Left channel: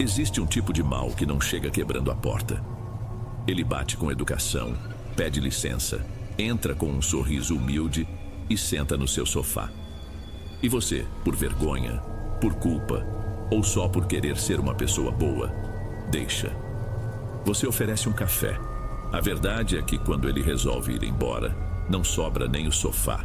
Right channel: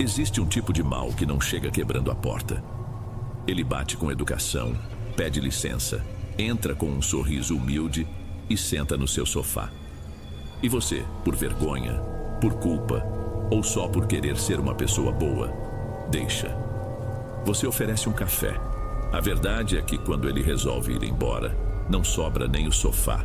Existe um tipo de mal que não chega quebrando a porta. Ele bate com educação, pede licença, entra com um sorriso humilde e senta no seu sofá. E você, por vergonha, por culpa, ou só por querer ser uma pessoa boa, deixa. Você oferece um café. A verdade é que quando ele resolve ir embora, não sobra nem o sofá.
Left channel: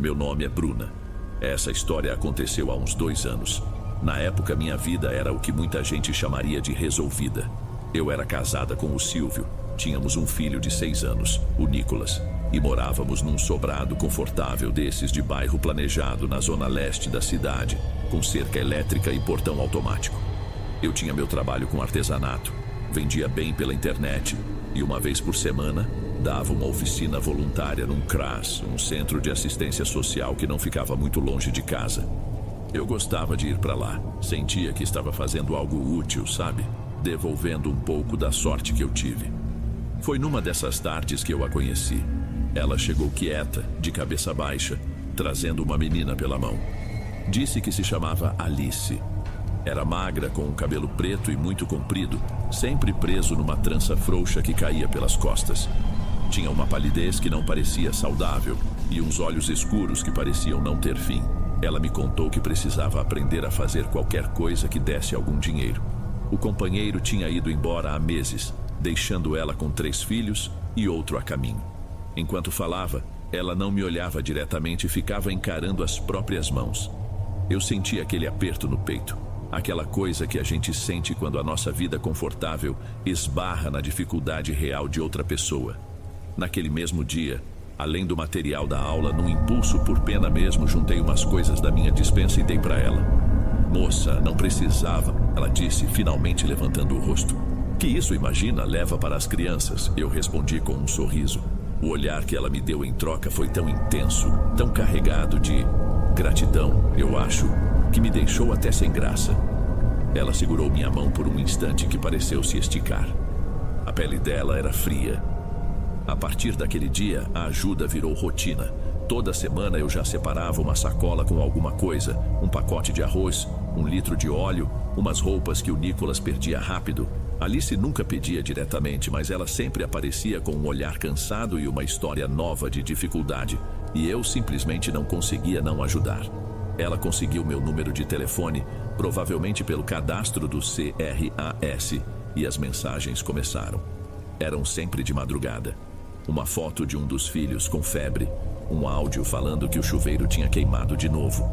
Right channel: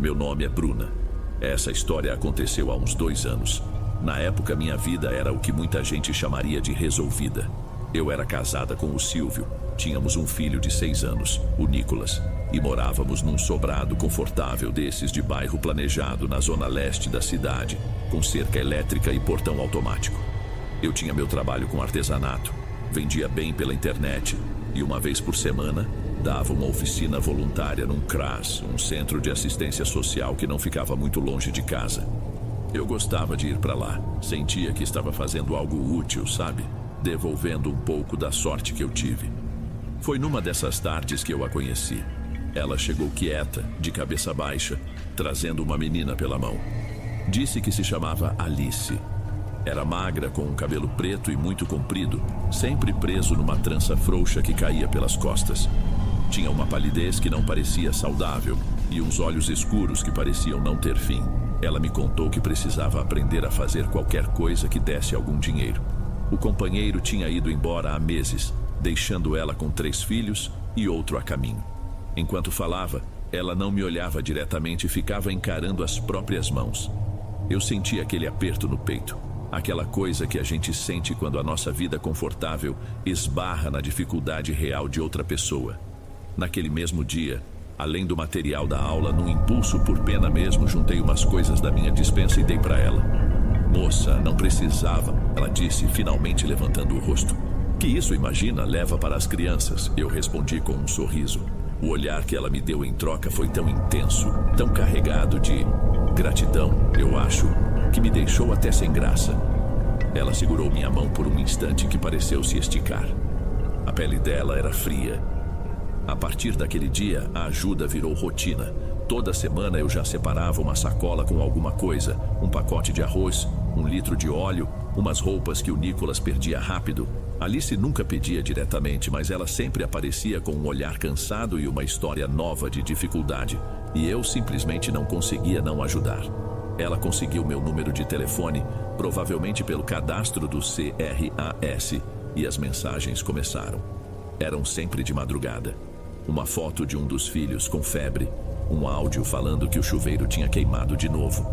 Meu nome é Bruna. Essa história aconteceu há uns 2 anos. Na época, minha vida era o que muita gente chamaria de resolvida. Eu era casada com o Silvio, tínhamos um filho de 6 anos, o Nicolas, e morávamos num sobrado confortável desses de bairro planejado na zona leste da cidade, com cerca elétrica e portão automático. Eu tinha meu trabalho com artesanato, vendia bem pela internet e uma vez por semana dava uma oficina voluntária num CRAS, um centro de assistência social que não ficava muito longe de casa. Eu gostava de ir para lá, sentia que estava fazendo algo útil, sabe? Devolvendo um pouco da sorte que eu tive. Foi numa dessas tardes que eu a conheci. Ela chegou quieta, de cabeça baixa, trazendo uma menina pela mão. Disse que se chamava Alice. Era magra, com um cabelo preto e muito comprido, sempre preso numa trança frouxa que caía pelas costas. Tinha uma palidez que não parecia saudável e uns olhos escuros que pareciam não ter fim. Ela me contou que precisava aprender a fazer qualquer coisa que desse algum dinheiro. O companheiro tinha ido embora há meses, deixando ela com 3 filhos e outro a caminho. Enquanto falava, ela não me olhava diretamente e ficava encarando as próprias mãos. Eu sentia aquele aperto no peito, aquela coisa que a gente sente quando a nossa vida confortável esbarra na dificuldade real de outra pessoa. Naquele mesmo dia, além do material da aula, num impulso por pena mesmo, juntei umas coisas da minha despensa e dei para ela. Moça, não precisava, ela disse, finalmente levantando o rosto. Que isso, imagina, leva para as crianças, eu respondi com um sorriso. O olhar que ela me deu em troca foi tão intenso, tão carregado de gratidão, eu acho, que me deixou até sem graça. Ela segurou minha mão por um instante que pareceu se esticar. A pele dela era fria. A partir daquele dia, a ajuda virou rotina. Toda semana eu já separava uma sacola com alguma coisa, um pacote de arroz, 1 litro de óleo, umas roupas que o Nicolas perdia rápido. Alice nunca pedia diretamente, mas ela sempre aparecia com um olhar cansado e uma história nova de dificuldade, e eu simplesmente não conseguia não ajudar. Ela conseguiu meu número de telefone, provavelmente pelo cadastro do CRAS, e as mensagens começaram. Eram sempre de madrugada. Uma foto de um dos filhos com febre, um áudio falando que o chuveiro tinha queimado de novo.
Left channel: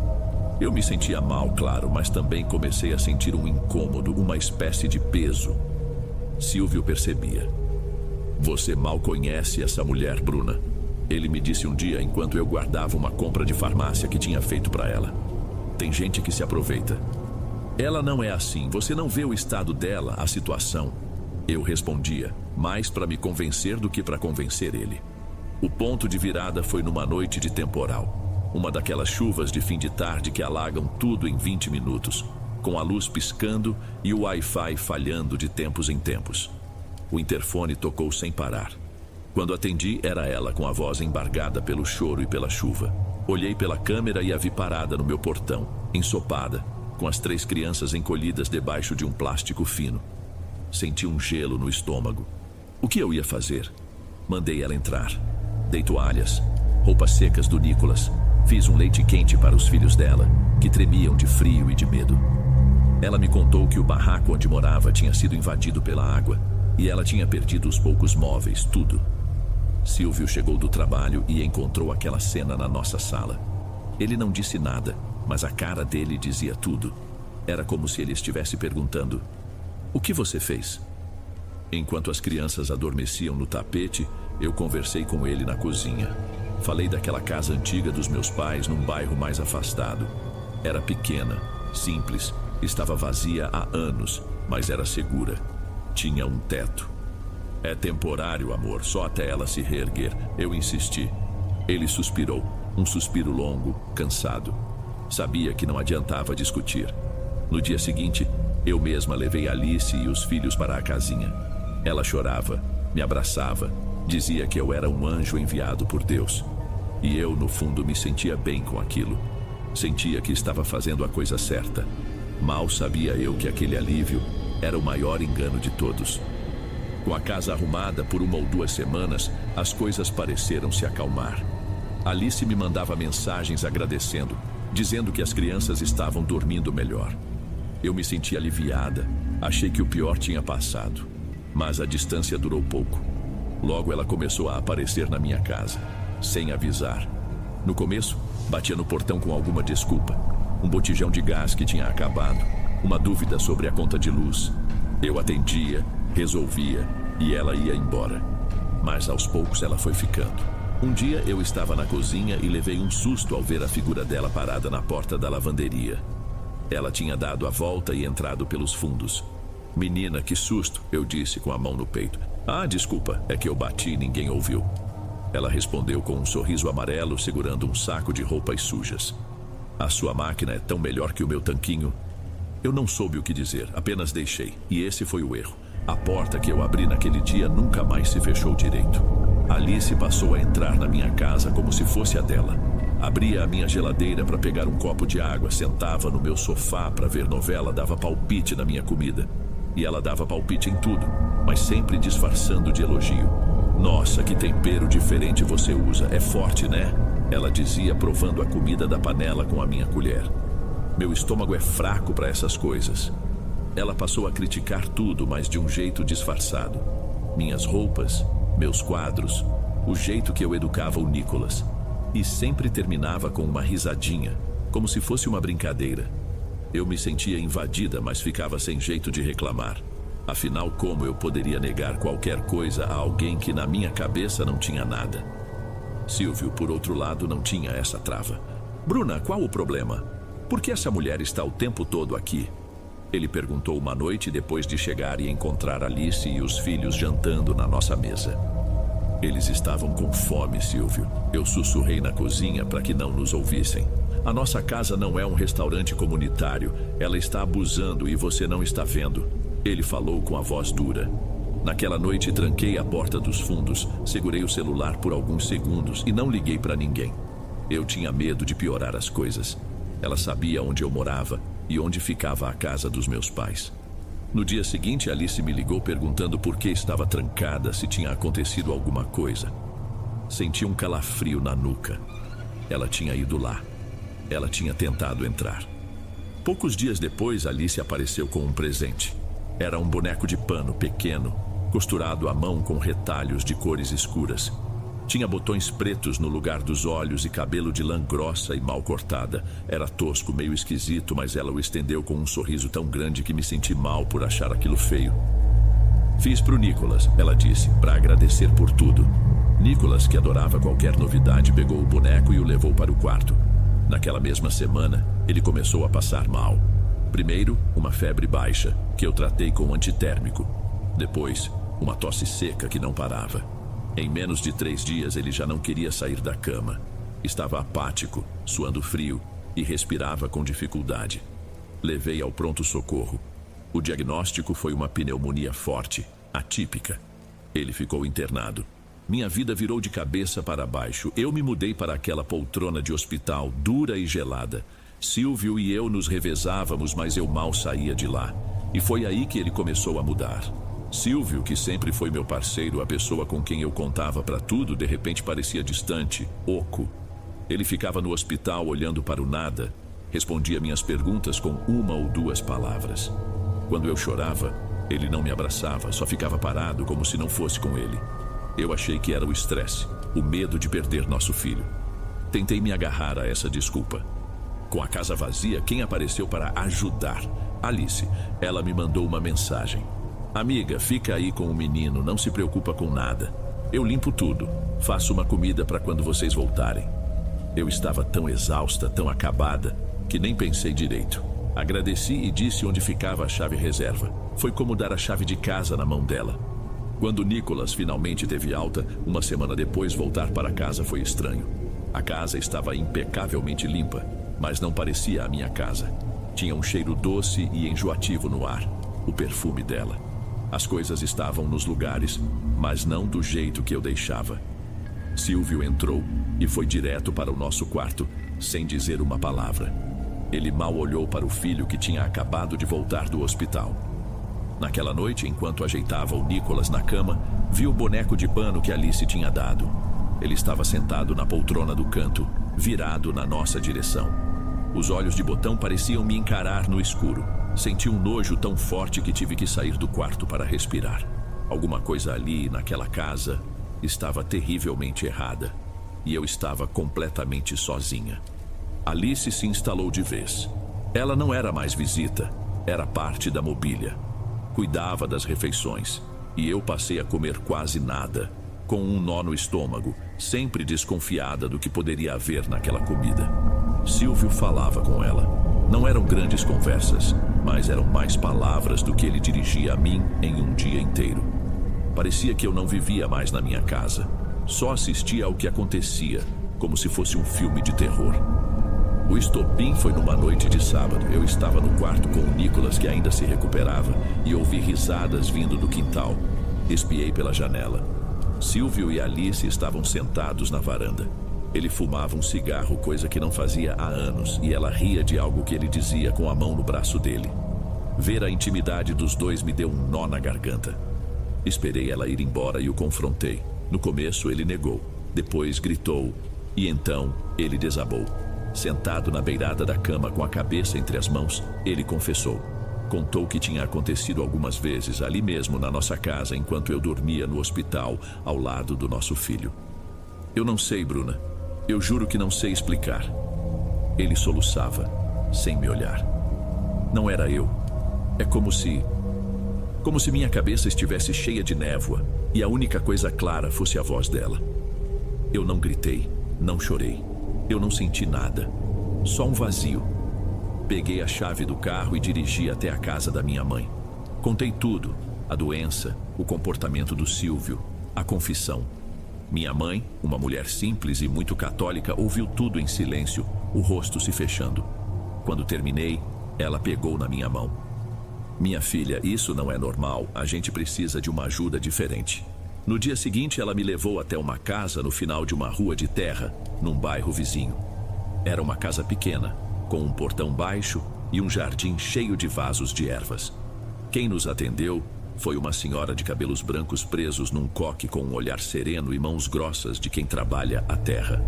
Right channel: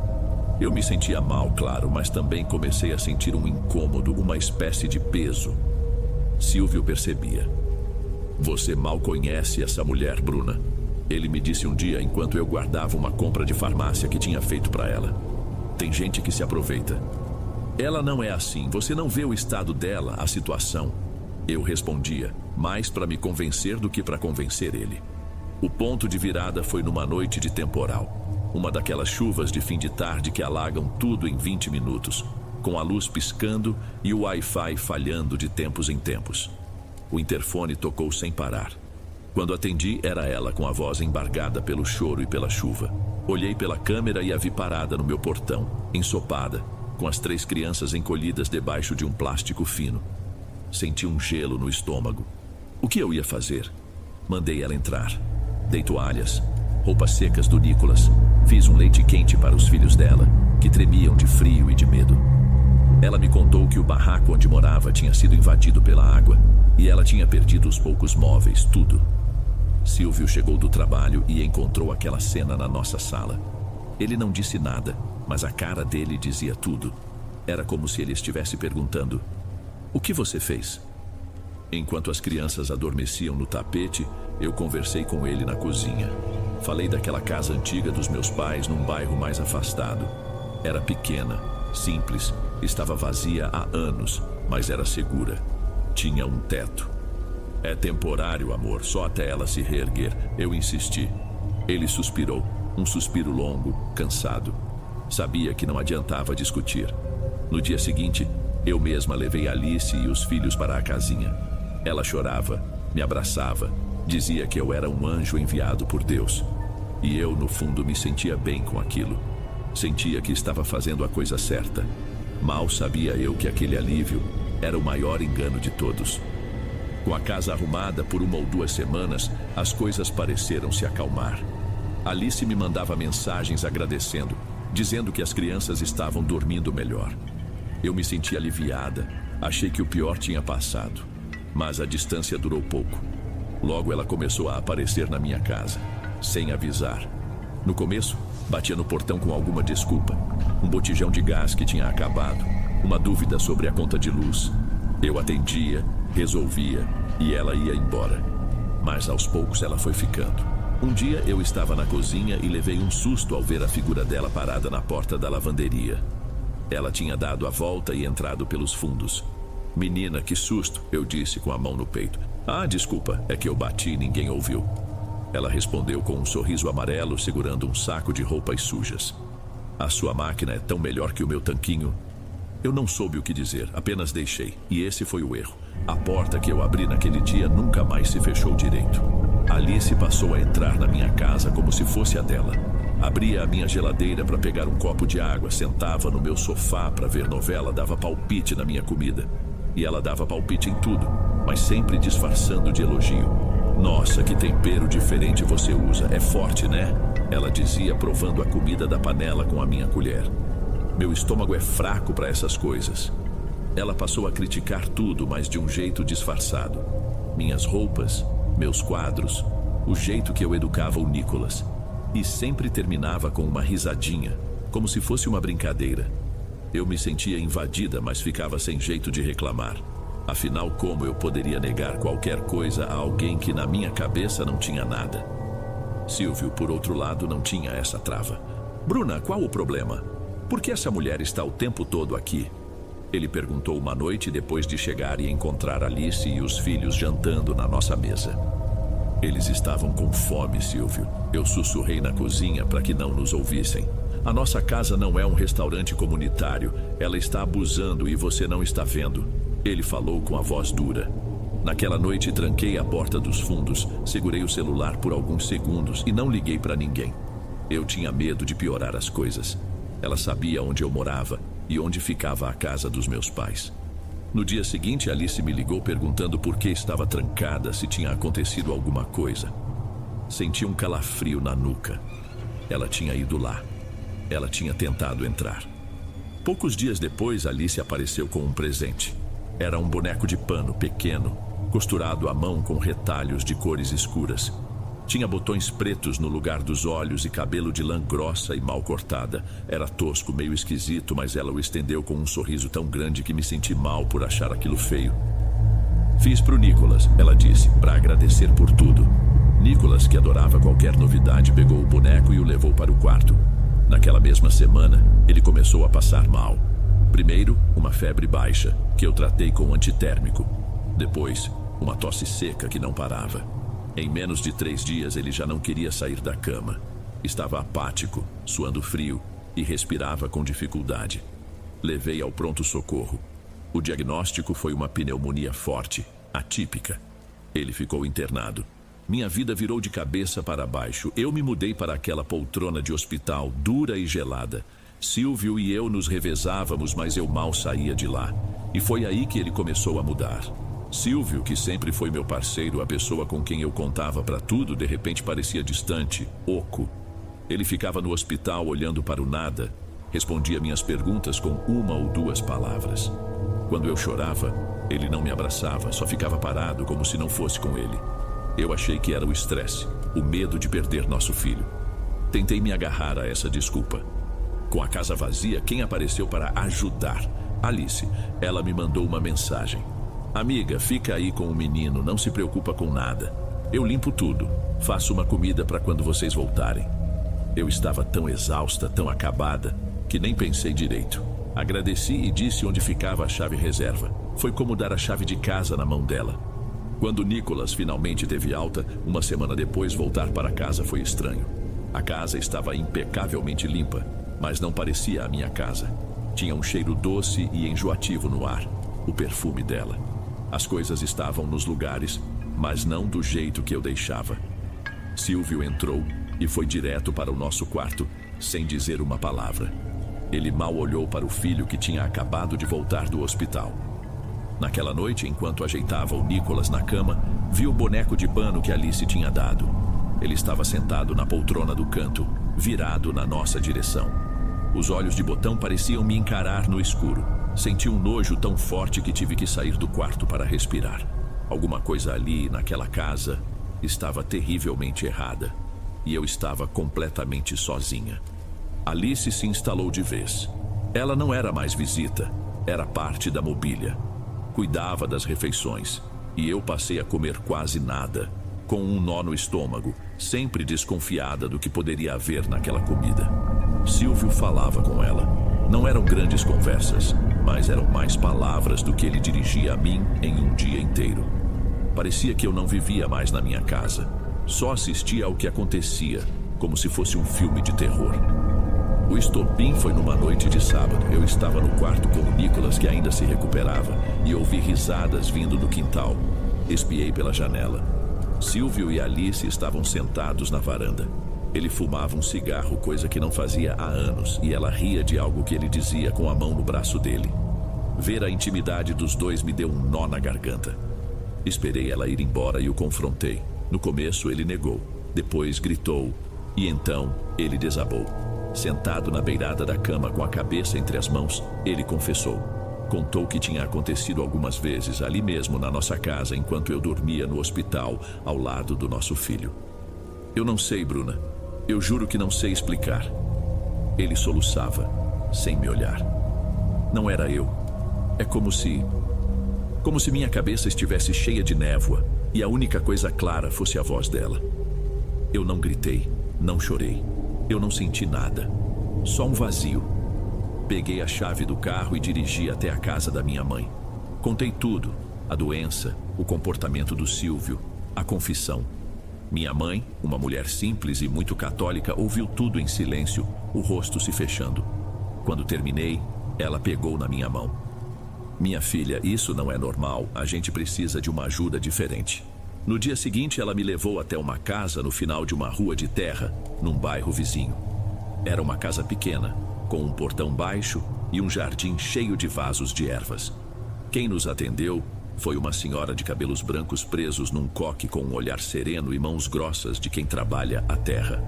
Eu me sentia mal, claro, mas também comecei a sentir um incômodo, uma espécie de peso. Silvio percebia. Você mal conhece essa mulher, Bruna. Ele me disse um dia enquanto eu guardava uma compra de farmácia que tinha feito para ela. Tem gente que se aproveita. Ela não é assim, você não vê o estado dela, a situação. Eu respondia, mais para me convencer do que para convencer ele. O ponto de virada foi numa noite de temporal. Uma daquelas chuvas de fim de tarde que alagam tudo em 20 minutos, com a luz piscando e o Wi-Fi falhando de tempos em tempos. O interfone tocou sem parar. Quando atendi, era ela com a voz embargada pelo choro e pela chuva. Olhei pela câmera e a vi parada no meu portão, ensopada, com as 3 crianças encolhidas debaixo de um plástico fino. Senti um gelo no estômago. O que eu ia fazer? Mandei ela entrar. Dei toalhas, roupas secas do Nicolas. Fiz um leite quente para os filhos dela, que tremiam de frio e de medo. Ela me contou que o barraco onde morava tinha sido invadido pela água e ela tinha perdido os poucos móveis, tudo. Silvio chegou do trabalho e encontrou aquela cena na nossa sala. Ele não disse nada, mas a cara dele dizia tudo. Era como se ele estivesse perguntando: o que você fez? Enquanto as crianças adormeciam no tapete, eu conversei com ele na cozinha. Falei daquela casa antiga dos meus pais num bairro mais afastado. Era pequena, simples, estava vazia há anos, mas era segura. Tinha um teto. É temporário, amor, só até ela se reerguer. Eu insisti. Ele suspirou, um suspiro longo, cansado. Sabia que não adiantava discutir. No dia seguinte, eu mesma levei Alice e os filhos para a casinha. Ela chorava, me abraçava, dizia que eu era um anjo enviado por Deus. E eu, no fundo, me sentia bem com aquilo. Sentia que estava fazendo a coisa certa. Mal sabia eu que aquele alívio era o maior engano de todos. Com a casa arrumada por 1 ou 2 semanas, as coisas pareceram se acalmar. Alice me mandava mensagens agradecendo, dizendo que as crianças estavam dormindo melhor. Eu me senti aliviada, achei que o pior tinha passado. Mas a distância durou pouco. Logo ela começou a aparecer na minha casa, sem avisar. No começo, batia no portão com alguma desculpa. Um botijão de gás que tinha acabado, uma dúvida sobre a conta de luz. Eu atendia, resolvia e ela ia embora. Mas aos poucos ela foi ficando. Um dia eu estava na cozinha e levei um susto ao ver a figura dela parada na porta da lavanderia. Ela tinha dado a volta e entrado pelos fundos. Menina, que susto, eu disse com a mão no peito. Ah, desculpa, é que eu bati e ninguém ouviu. Ela respondeu com um sorriso amarelo, segurando um saco de roupas sujas. A sua máquina é tão melhor que o meu tanquinho. Eu não soube o que dizer, apenas deixei. E esse foi o erro. A porta que eu abri naquele dia nunca mais se fechou direito. Alice passou a entrar na minha casa como se fosse a dela. Abria a minha geladeira para pegar um copo de água, sentava no meu sofá para ver novela, dava palpite na minha comida. E ela dava palpite em tudo, mas sempre disfarçando de elogio. Nossa, que tempero diferente você usa, é forte, né? Ela dizia, provando a comida da panela com a minha colher. Meu estômago é fraco para essas coisas. Ela passou a criticar tudo, mas de um jeito disfarçado. Minhas roupas, meus quadros, o jeito que eu educava o Nicholas. E sempre terminava com uma risadinha, como se fosse uma brincadeira. Eu me sentia invadida, mas ficava sem jeito de reclamar. Afinal, como eu poderia negar qualquer coisa a alguém que na minha cabeça não tinha nada? Silvio, por outro lado, não tinha essa trava. Bruna, qual o problema? Por que essa mulher está o tempo todo aqui? Ele perguntou uma noite depois de chegar e encontrar Alice e os filhos jantando na nossa mesa. Eles estavam com fome, Silvio. Eu sussurrei na cozinha para que não nos ouvissem. A nossa casa não é um restaurante comunitário. Ela está abusando e você não está vendo. Ele falou com a voz dura. Naquela noite tranquei a porta dos fundos, segurei o celular por alguns segundos e não liguei para ninguém. Eu tinha medo de piorar as coisas. Ela sabia onde eu morava e onde ficava a casa dos meus pais. No dia seguinte, Alice me ligou perguntando por que estava trancada, se tinha acontecido alguma coisa. Senti um calafrio na nuca. Ela tinha ido lá. Ela tinha tentado entrar. Poucos dias depois, Alice apareceu com um presente. Era um boneco de pano pequeno, costurado à mão com retalhos de cores escuras. Tinha botões pretos no lugar dos olhos e cabelo de lã grossa e mal cortada. Era tosco, meio esquisito, mas ela o estendeu com um sorriso tão grande que me senti mal por achar aquilo feio. Fiz pro Nicholas, ela disse, para agradecer por tudo. Nicholas, que adorava qualquer novidade, pegou o boneco e o levou para o quarto. Naquela mesma semana, ele começou a passar mal. Primeiro, uma febre baixa, que eu tratei com antitérmico. Depois, uma tosse seca que não parava. Em menos de 3 dias, ele já não queria sair da cama. Estava apático, suando frio e respirava com dificuldade. Levei ao pronto-socorro. O diagnóstico foi uma pneumonia forte, atípica. Ele ficou internado. Minha vida virou de cabeça para baixo. Eu me mudei para aquela poltrona de hospital, dura e gelada. Silvio e eu nos revezávamos, mas eu mal saía de lá. E foi aí que ele começou a mudar. Silvio, que sempre foi meu parceiro, a pessoa com quem eu contava para tudo, de repente parecia distante, oco. Ele ficava no hospital olhando para o nada, respondia minhas perguntas com 1 ou 2 palavras. Quando eu chorava, ele não me abraçava, só ficava parado como se não fosse com ele. Eu achei que era o estresse, o medo de perder nosso filho. Tentei me agarrar a essa desculpa. Com a casa vazia, quem apareceu para ajudar? Alice. Ela me mandou uma mensagem. Amiga, fica aí com o menino, não se preocupa com nada. Eu limpo tudo, faço uma comida para quando vocês voltarem. Eu estava tão exausta, tão acabada, que nem pensei direito. Agradeci e disse onde ficava a chave reserva. Foi como dar a chave de casa na mão dela. Quando Nicholas finalmente teve alta, uma semana depois, voltar para casa foi estranho. A casa estava impecavelmente limpa, mas não parecia a minha casa. Tinha um cheiro doce e enjoativo no ar, o perfume dela. As coisas estavam nos lugares, mas não do jeito que eu deixava. Silvio entrou e foi direto para o nosso quarto, sem dizer uma palavra. Ele mal olhou para o filho que tinha acabado de voltar do hospital. Naquela noite, enquanto ajeitava o Nicholas na cama, viu o boneco de pano que Alice tinha dado. Ele estava sentado na poltrona do canto, virado na nossa direção. Os olhos de botão pareciam me encarar no escuro. Senti um nojo tão forte que tive que sair do quarto para respirar. Alguma coisa ali, naquela casa, estava terrivelmente errada. E eu estava completamente sozinha. Alice se instalou de vez. Ela não era mais visita, era parte da mobília. Cuidava das refeições, e eu passei a comer quase nada, com um nó no estômago, sempre desconfiada do que poderia haver naquela comida. Silvio falava com ela. Não eram grandes conversas, mas eram mais palavras do que ele dirigia a mim em um dia inteiro. Parecia que eu não vivia mais na minha casa. Só assistia ao que acontecia, como se fosse um filme de terror. O estopim foi numa noite de sábado. Eu estava no quarto com o Nicholas, que ainda se recuperava, e ouvi risadas vindo do quintal. Espiei pela janela. Silvio e Alice estavam sentados na varanda. Ele fumava um cigarro, coisa que não fazia há anos, e ela ria de algo que ele dizia com a mão no braço dele. Ver a intimidade dos dois me deu um nó na garganta. Esperei ela ir embora e o confrontei. No começo ele negou, depois gritou, e então ele desabou. Sentado na beirada da cama com a cabeça entre as mãos, ele confessou. Contou que tinha acontecido algumas vezes ali mesmo na nossa casa enquanto eu dormia no hospital ao lado do nosso filho. Eu não sei, Bruna. Eu juro que não sei explicar. Ele soluçava, sem me olhar. Não era eu. É como se minha cabeça estivesse cheia de névoa e a única coisa clara fosse a voz dela. Eu não gritei, não chorei. Eu não senti nada. Só um vazio. Peguei a chave do carro e dirigi até a casa da minha mãe. Contei tudo: a doença, o comportamento do Silvio, a confissão. Minha mãe, uma mulher simples e muito católica, ouviu tudo em silêncio, o rosto se fechando. Quando terminei, ela pegou na minha mão. Minha filha, isso não é normal, a gente precisa de uma ajuda diferente. No dia seguinte, ela me levou até uma casa no final de uma rua de terra, num bairro vizinho. Era uma casa pequena, com um portão baixo e um jardim cheio de vasos de ervas. Quem nos atendeu foi uma senhora de cabelos brancos presos num coque, com um olhar sereno e mãos grossas de quem trabalha a terra.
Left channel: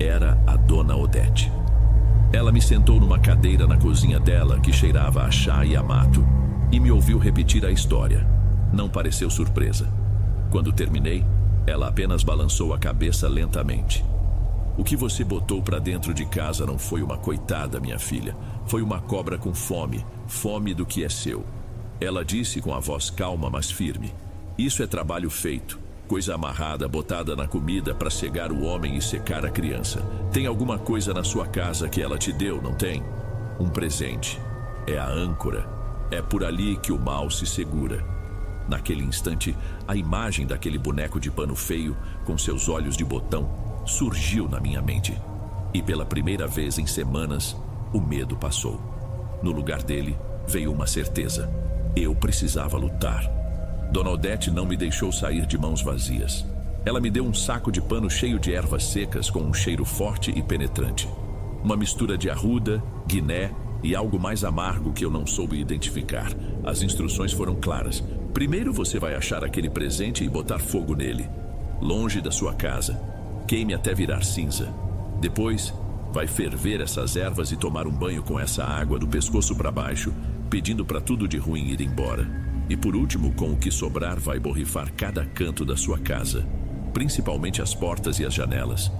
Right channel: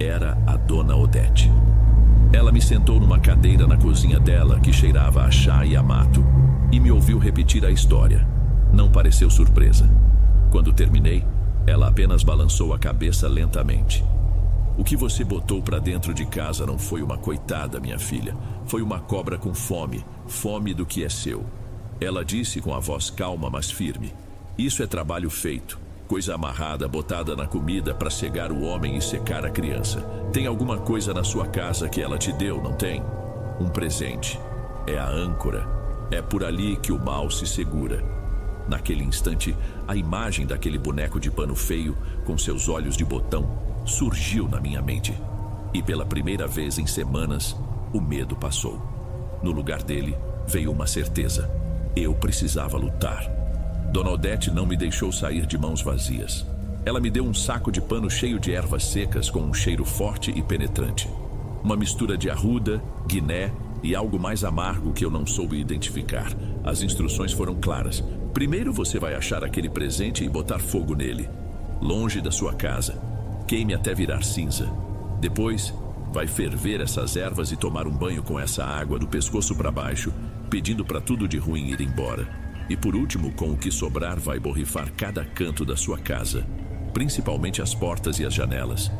Era a dona Odete. Ela me sentou numa cadeira na cozinha dela, que cheirava a chá e a mato, e me ouviu repetir a história. Não pareceu surpresa. Quando terminei, ela apenas balançou a cabeça lentamente. O que você botou para dentro de casa não foi uma coitada, minha filha. Foi uma cobra com fome, fome do que é seu. Ela disse com a voz calma, mas firme. Isso é trabalho feito, coisa amarrada, botada na comida para cegar o homem e secar a criança. Tem alguma coisa na sua casa que ela te deu, não tem? Um presente. É a âncora. É por ali que o mal se segura. Naquele instante, a imagem daquele boneco de pano feio, com seus olhos de botão, surgiu na minha mente. E pela primeira vez em semanas, o medo passou. No lugar dele, veio uma certeza. Eu precisava lutar. Dona Odete não me deixou sair de mãos vazias. Ela me deu um saco de pano cheio de ervas secas com um cheiro forte e penetrante. Uma mistura de arruda, guiné e algo mais amargo que eu não soube identificar. As instruções foram claras. Primeiro você vai achar aquele presente e botar fogo nele, longe da sua casa. Queime até virar cinza. Depois, vai ferver essas ervas e tomar um banho com essa água do pescoço para baixo, pedindo para tudo de ruim ir embora. E por último, com o que sobrar, vai borrifar cada canto da sua casa, principalmente as portas e as janelas.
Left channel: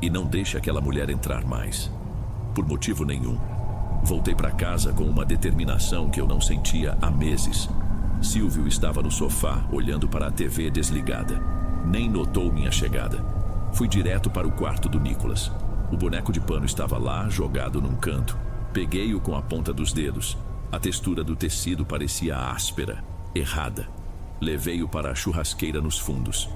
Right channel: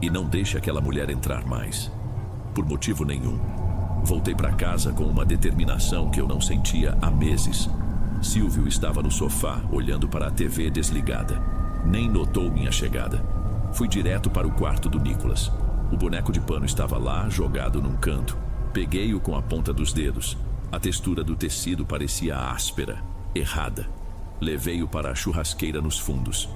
E não deixe aquela mulher entrar mais. Por motivo nenhum. Voltei para casa com uma determinação que eu não sentia há meses. Silvio estava no sofá, olhando para a TV desligada. Nem notou minha chegada. Fui direto para o quarto do Nicholas. O boneco de pano estava lá, jogado num canto. Peguei-o com a ponta dos dedos. A textura do tecido parecia áspera, errada. Levei-o para a churrasqueira nos fundos.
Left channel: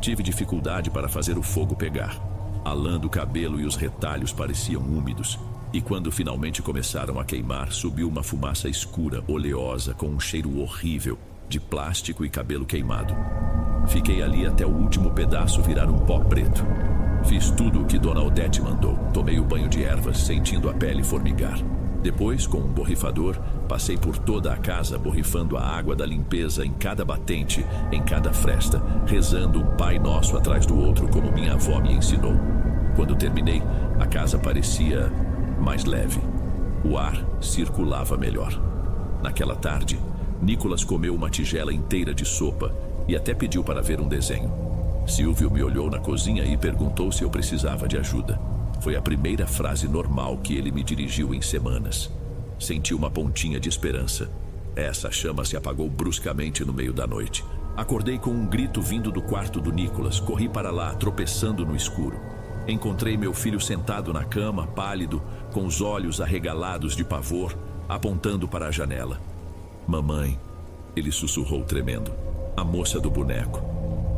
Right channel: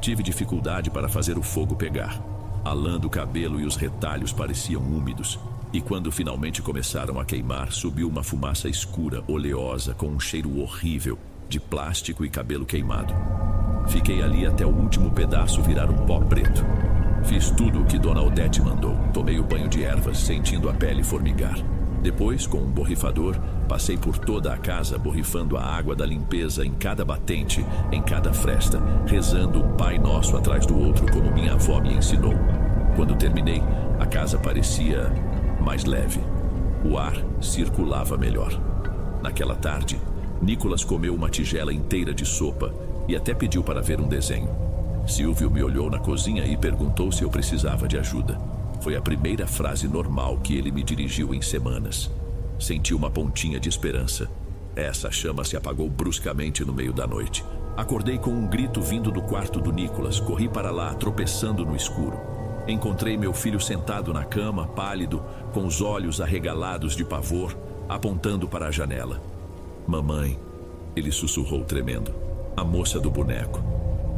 Tive dificuldade para fazer o fogo pegar. A lã do cabelo e os retalhos pareciam úmidos. E quando finalmente começaram a queimar, subiu uma fumaça escura, oleosa, com um cheiro horrível, de plástico e cabelo queimado. Fiquei ali até o último pedaço virar um pó preto. Fiz tudo o que Dona Odete mandou. Tomei o banho de ervas, sentindo a pele formigar. Depois, com um borrifador, passei por toda a casa borrifando a água da limpeza em cada batente, em cada fresta, rezando um Pai Nosso atrás do outro como minha avó me ensinou. Quando terminei, a casa parecia mais leve. O ar circulava melhor. Naquela tarde, Nicolas comeu uma tigela inteira de sopa e até pediu para ver um desenho. Silvio me olhou na cozinha e perguntou se eu precisava de ajuda. Foi a primeira frase normal que ele me dirigiu em semanas. Senti uma pontinha de esperança. Essa chama se apagou bruscamente no meio da noite. Acordei com um grito vindo do quarto do Nicolas. Corri para lá, tropeçando no escuro. Encontrei meu filho sentado na cama, pálido, com os olhos arregalados de pavor, apontando para a janela. Mamãe, ele sussurrou tremendo. A moça do boneco.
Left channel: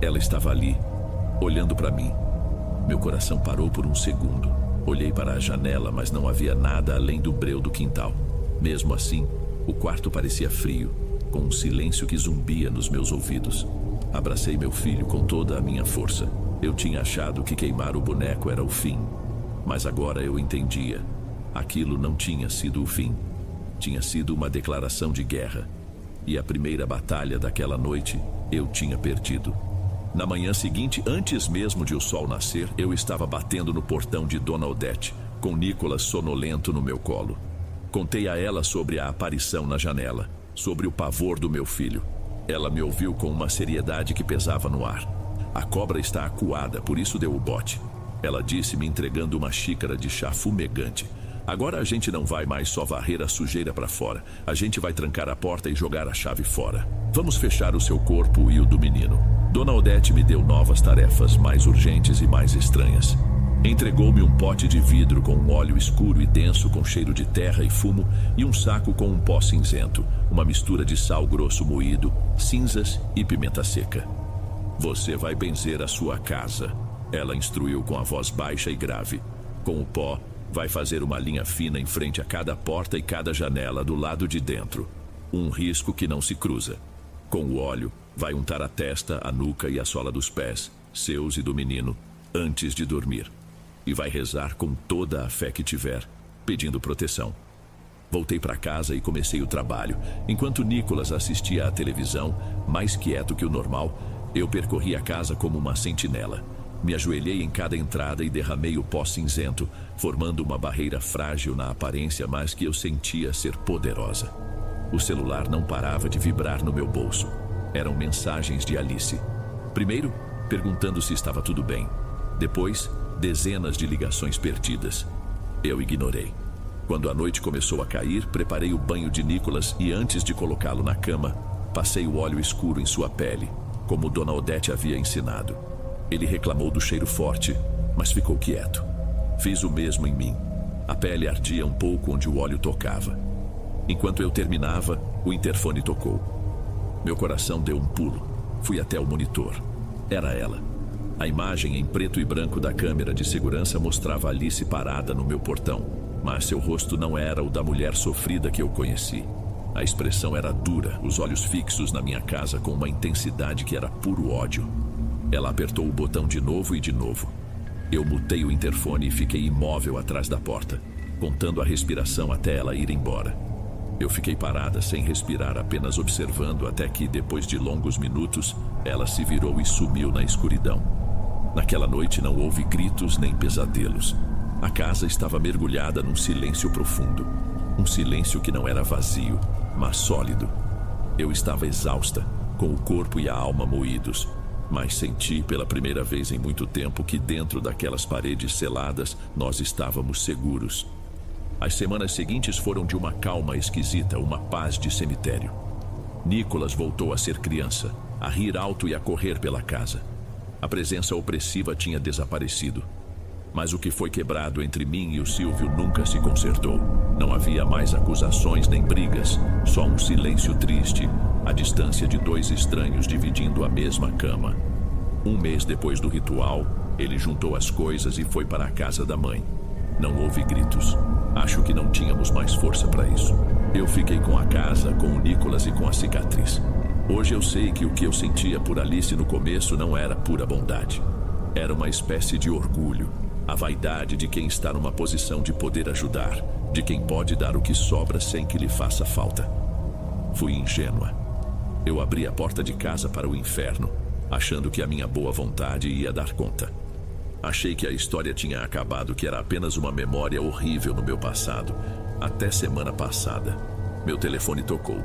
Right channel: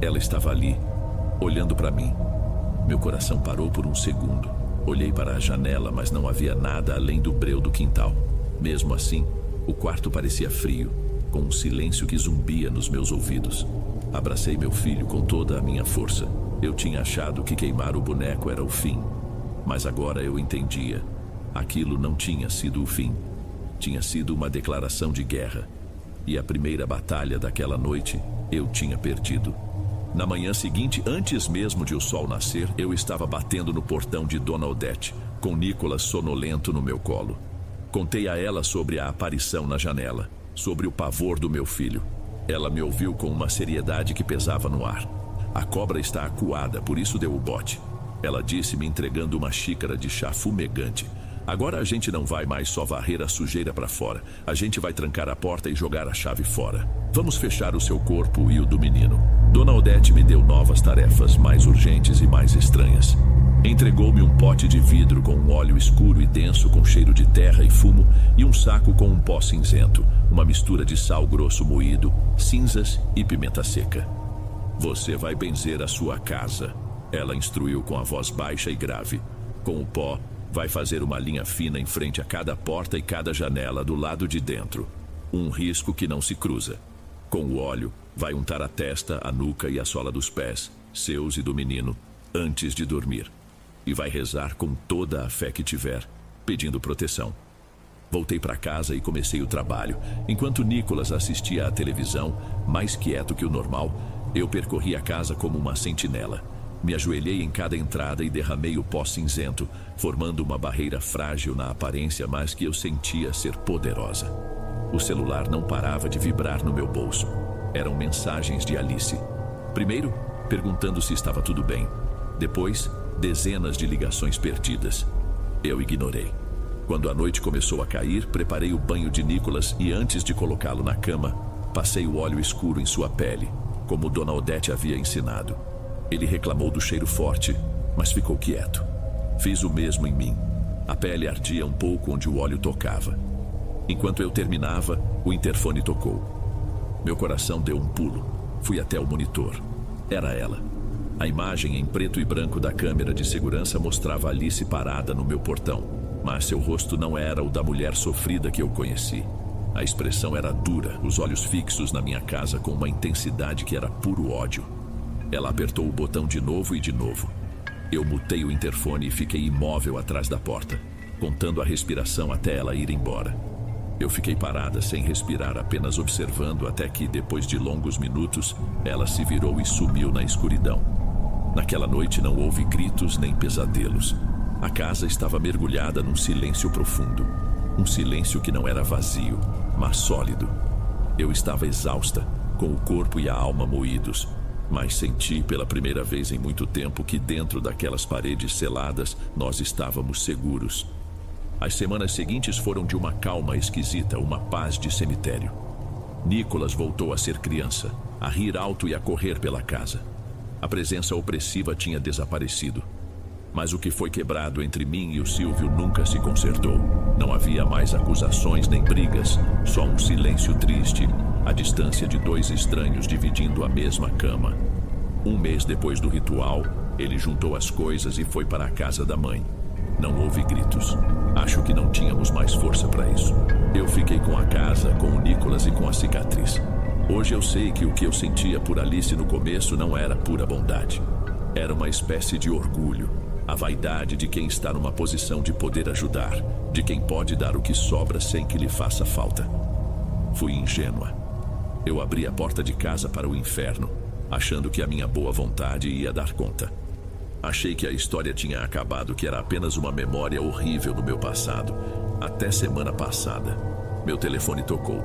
Ela estava ali, olhando para mim. Meu coração parou por um segundo. Olhei para a janela, mas não havia nada além do breu do quintal. Mesmo assim, o quarto parecia frio, com um silêncio que zumbia nos meus ouvidos. Abracei meu filho com toda a minha força. Eu tinha achado que queimar o boneco era o fim, mas agora eu entendia. Aquilo não tinha sido o fim. Tinha sido uma declaração de guerra. E a primeira batalha daquela noite, eu tinha perdido. Na manhã seguinte, antes mesmo de o sol nascer, eu estava batendo no portão de Dona Odete, com Nicolas sonolento no meu colo. Contei a ela sobre a aparição na janela, sobre o pavor do meu filho. Ela me ouviu com uma seriedade que pesava no ar. A cobra está acuada, por isso deu o bote. Ela disse, me entregando uma xícara de chá fumegante. Agora a gente não vai mais só varrer a sujeira para fora. A gente vai trancar a porta e jogar a chave fora. Vamos fechar o seu corpo e o do menino. Dona Odete me deu novas tarefas, mais urgentes e mais estranhas. Entregou-me um pote de vidro com um óleo escuro e denso com cheiro de terra e fumo e um saco com um pó cinzento, uma mistura de sal grosso moído, cinzas e pimenta seca. Você vai benzer a sua casa, ela instruiu com a voz baixa e grave. Com o pó, vai fazer uma linha fina em frente a cada porta e cada janela do lado de dentro. Um risco que não se cruza. Com o óleo, vai untar a testa, a nuca e a sola dos pés, seus e do menino, antes de dormir. E vai rezar com toda a fé que tiver, pedindo proteção. Voltei para casa e comecei o trabalho. Enquanto Nicolas assistia à televisão, mais quieto que o normal, eu percorri a casa como uma sentinela. Me ajoelhei em cada entrada e derramei o pó cinzento, formando uma barreira frágil na aparência, mas que eu sentia ser poderosa. O celular não parava de vibrar no meu bolso. Eram mensagens de Alice. Primeiro, perguntando se estava tudo bem. Depois, dezenas de ligações perdidas. Eu ignorei. Quando a noite começou a cair, preparei o banho de Nicolas e antes de colocá-lo na cama, passei o óleo escuro em sua pele, como Dona Odete havia ensinado. Ele reclamou do cheiro forte, mas ficou quieto. Fiz o mesmo em mim. A pele ardia um pouco onde o óleo tocava. Enquanto eu terminava, o interfone tocou. Meu coração deu um pulo. Fui até o monitor. Era ela. A imagem em preto e branco da câmera de segurança mostrava Alice parada no meu portão, mas seu rosto não era o da mulher sofrida que eu conheci. A expressão era dura, os olhos fixos na minha casa com uma intensidade que era puro ódio. Ela apertou o botão de novo e de novo. Eu mutei o interfone e fiquei imóvel atrás da porta, contando a respiração até ela ir embora. Eu fiquei parada, sem respirar, apenas observando até que, depois de longos minutos, ela se virou e sumiu na escuridão. Naquela noite não houve gritos nem pesadelos. A casa estava mergulhada num silêncio profundo. Um silêncio que não era vazio, mas sólido. Eu estava exausta, com o corpo e a alma moídos, mas senti pela primeira vez em muito tempo que dentro daquelas paredes seladas nós estávamos seguros. As semanas seguintes foram de uma calma esquisita, uma paz de cemitério. Nicolas voltou a ser criança, a rir alto e a correr pela casa. A presença opressiva tinha desaparecido. Mas o que foi quebrado entre mim e o Silvio nunca se consertou. Não havia mais acusações nem brigas, só um silêncio triste, a distância de dois estranhos dividindo a mesma cama. Um mês depois do ritual, ele juntou as coisas e foi para a casa da mãe. Não houve gritos. Acho que não tínhamos mais força para isso. Eu fiquei com a casa, com o Nicolas e com a cicatriz. Hoje eu sei que o que eu sentia por Alice no começo não era pura bondade. Era uma espécie de orgulho, a vaidade de quem está numa posição de poder ajudar, de quem pode dar o que sobra sem que lhe faça falta. Fui ingênua. Eu abri a porta de casa para o inferno, achando que a minha boa vontade ia dar conta. Achei que a história tinha acabado, que era apenas uma memória horrível no meu passado. Até semana passada, meu telefone tocou.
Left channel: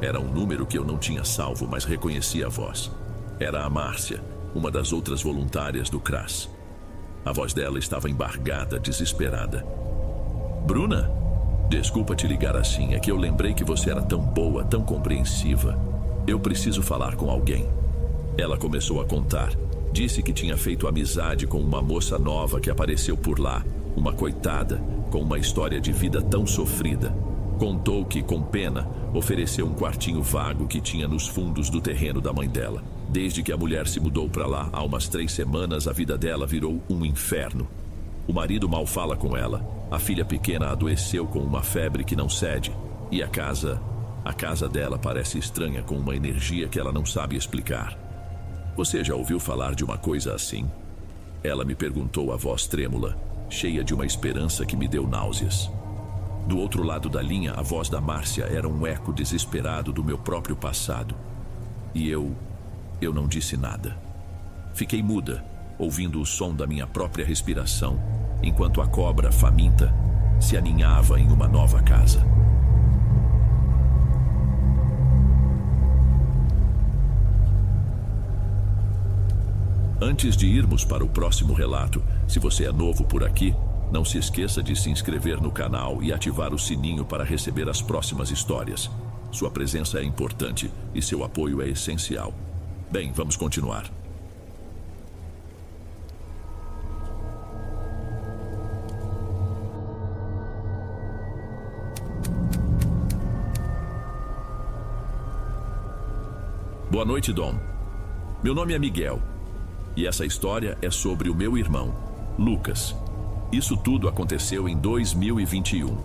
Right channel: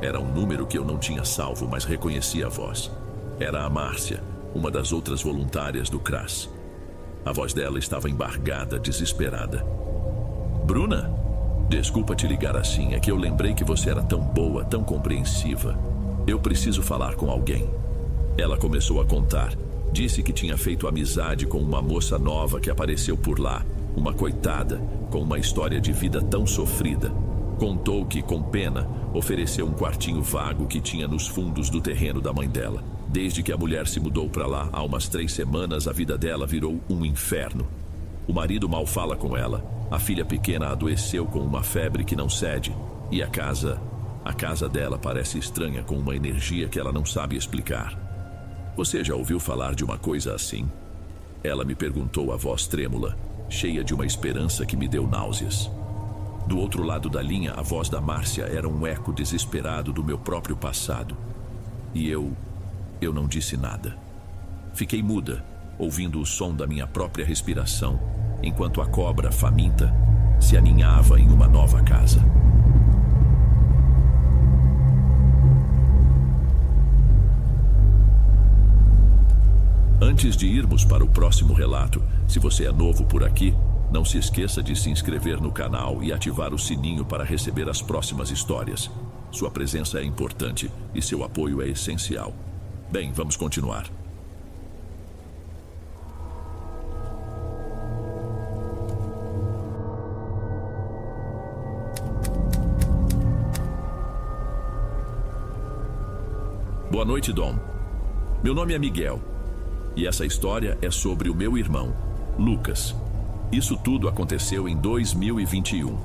Era um número que eu não tinha salvo, mas reconheci a voz. Era a Márcia, uma das outras voluntárias do CRAS. A voz dela estava embargada, desesperada. Bruna, desculpa te ligar assim, é que eu lembrei que você era tão boa, tão compreensiva. Eu preciso falar com alguém. Ela começou a contar. Disse que tinha feito amizade com uma moça nova que apareceu por lá, uma coitada, com uma história de vida tão sofrida. Contou que, com pena, ofereceu um quartinho vago que tinha nos fundos do terreno da mãe dela. Desde que a mulher se mudou para lá, há umas 3 semanas, a vida dela virou um inferno. O marido mal fala com ela, a filha pequena adoeceu com uma febre que não cede, e a casa dela parece estranha, com uma energia que ela não sabe explicar. Você já ouviu falar de uma coisa assim? Ela me perguntou, a voz trêmula, cheia de uma esperança que me deu náuseas. Do outro lado da linha, a voz da Márcia era um eco desesperado do meu próprio passado. E eu não disse nada. Fiquei muda, ouvindo o som da minha própria respiração, enquanto a cobra faminta se aninhava em uma nova casa. Antes de irmos para o próximo relato, se você é novo por aqui, não se esqueça de se inscrever no canal e ativar o sininho para receber as próximas histórias. Sua presença é importante e seu apoio é essencial. Bem, vamos continuar. Boa noite, Dom. Meu nome é Miguel. E essa história é sobre o meu irmão, Lucas. Isso tudo aconteceu em 2021.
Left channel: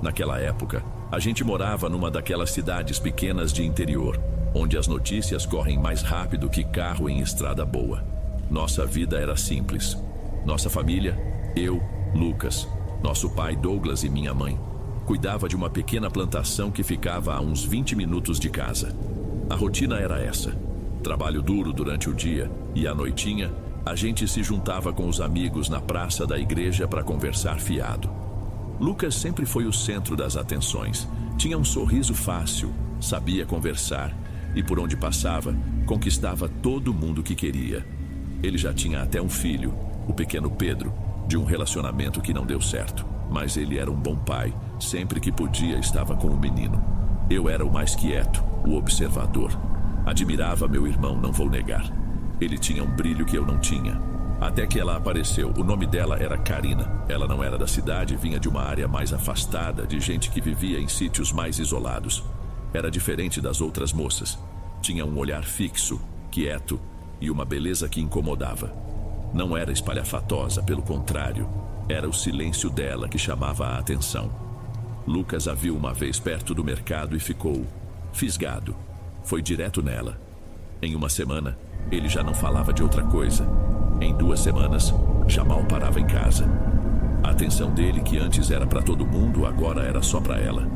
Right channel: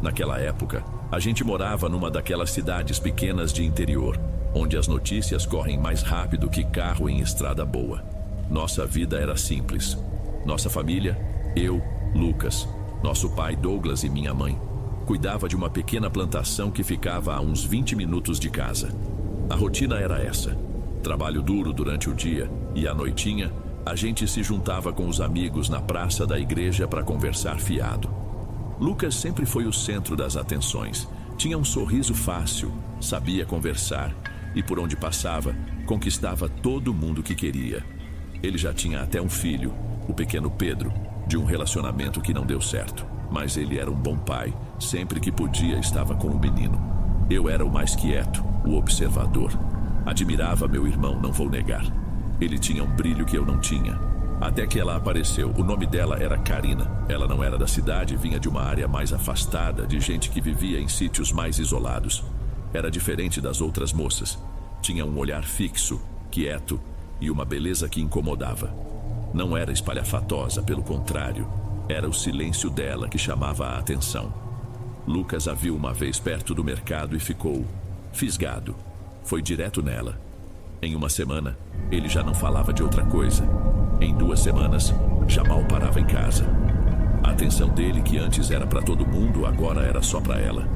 Naquela época, a gente morava numa daquelas cidades pequenas de interior, onde as notícias correm mais rápido que carro em estrada boa. Nossa vida era simples. Nossa família, eu, Lucas, nosso pai Douglas e minha mãe, cuidava de uma pequena plantação que ficava a uns 20 minutos de casa. A rotina era essa: trabalho duro durante o dia e à noitinha, a gente se juntava com os amigos na praça da igreja para conversar fiado. Lucas sempre foi o centro das atenções. Tinha um sorriso fácil, sabia conversar e, por onde passava, conquistava todo mundo que queria. Ele já tinha até um filho, o pequeno Pedro, de um relacionamento que não deu certo. Mas ele era um bom pai, sempre que podia estava com o menino. Eu era o mais quieto, o observador. Admirava meu irmão, não vou negar. Ele tinha um brilho que eu não tinha. Até que ela apareceu. O nome dela era Karina. Ela não era da cidade, vinha de uma área mais afastada, de gente que vivia em sítios mais isolados. Era diferente das outras moças. Tinha um olhar fixo, quieto e uma beleza que incomodava. Não era espalhafatosa, pelo contrário, era o silêncio dela que chamava a atenção. Lucas a viu uma vez perto do mercado e ficou fisgado. Foi direto nela. Em uma semana, ele já não falava de outra coisa. Em 2 semanas, já mal parava em casa. A atenção dele, que antes era para todo mundo, agora era só para ela.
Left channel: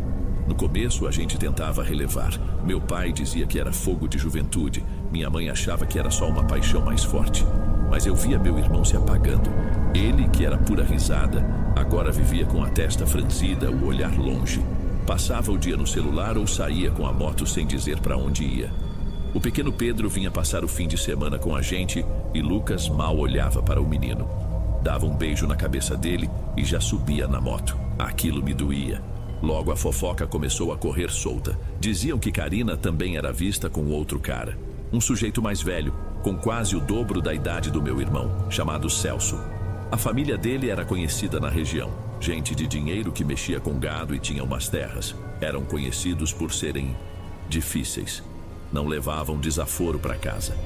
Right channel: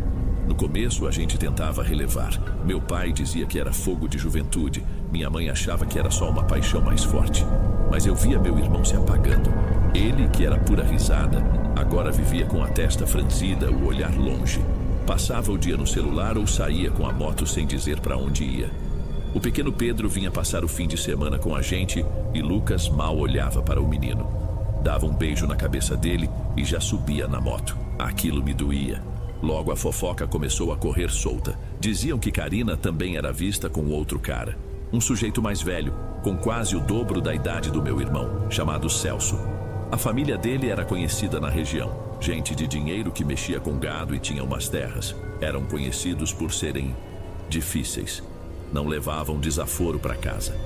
No começo, a gente tentava relevar. Meu pai dizia que era fogo de juventude. Minha mãe achava que era só uma paixão mais forte. Mas eu via meu irmão se apagando. Ele, que era pura risada, agora vivia com a testa franzida, o olhar longe. Passava o dia no celular ou saía com a moto sem dizer para onde ia. O pequeno Pedro vinha passar o fim de semana com a gente e Lucas mal olhava para o menino. Dava um beijo na cabeça dele e já subia na moto. Aquilo me doía. Logo a fofoca começou a correr solta. Diziam que Karina também era vista com outro cara. Um sujeito mais velho, com quase o dobro da idade do meu irmão, chamado Celso. A família dele era conhecida na região. Gente de dinheiro que mexia com gado e tinha umas terras. Eram conhecidos por serem difíceis. Não levavam desaforo para casa.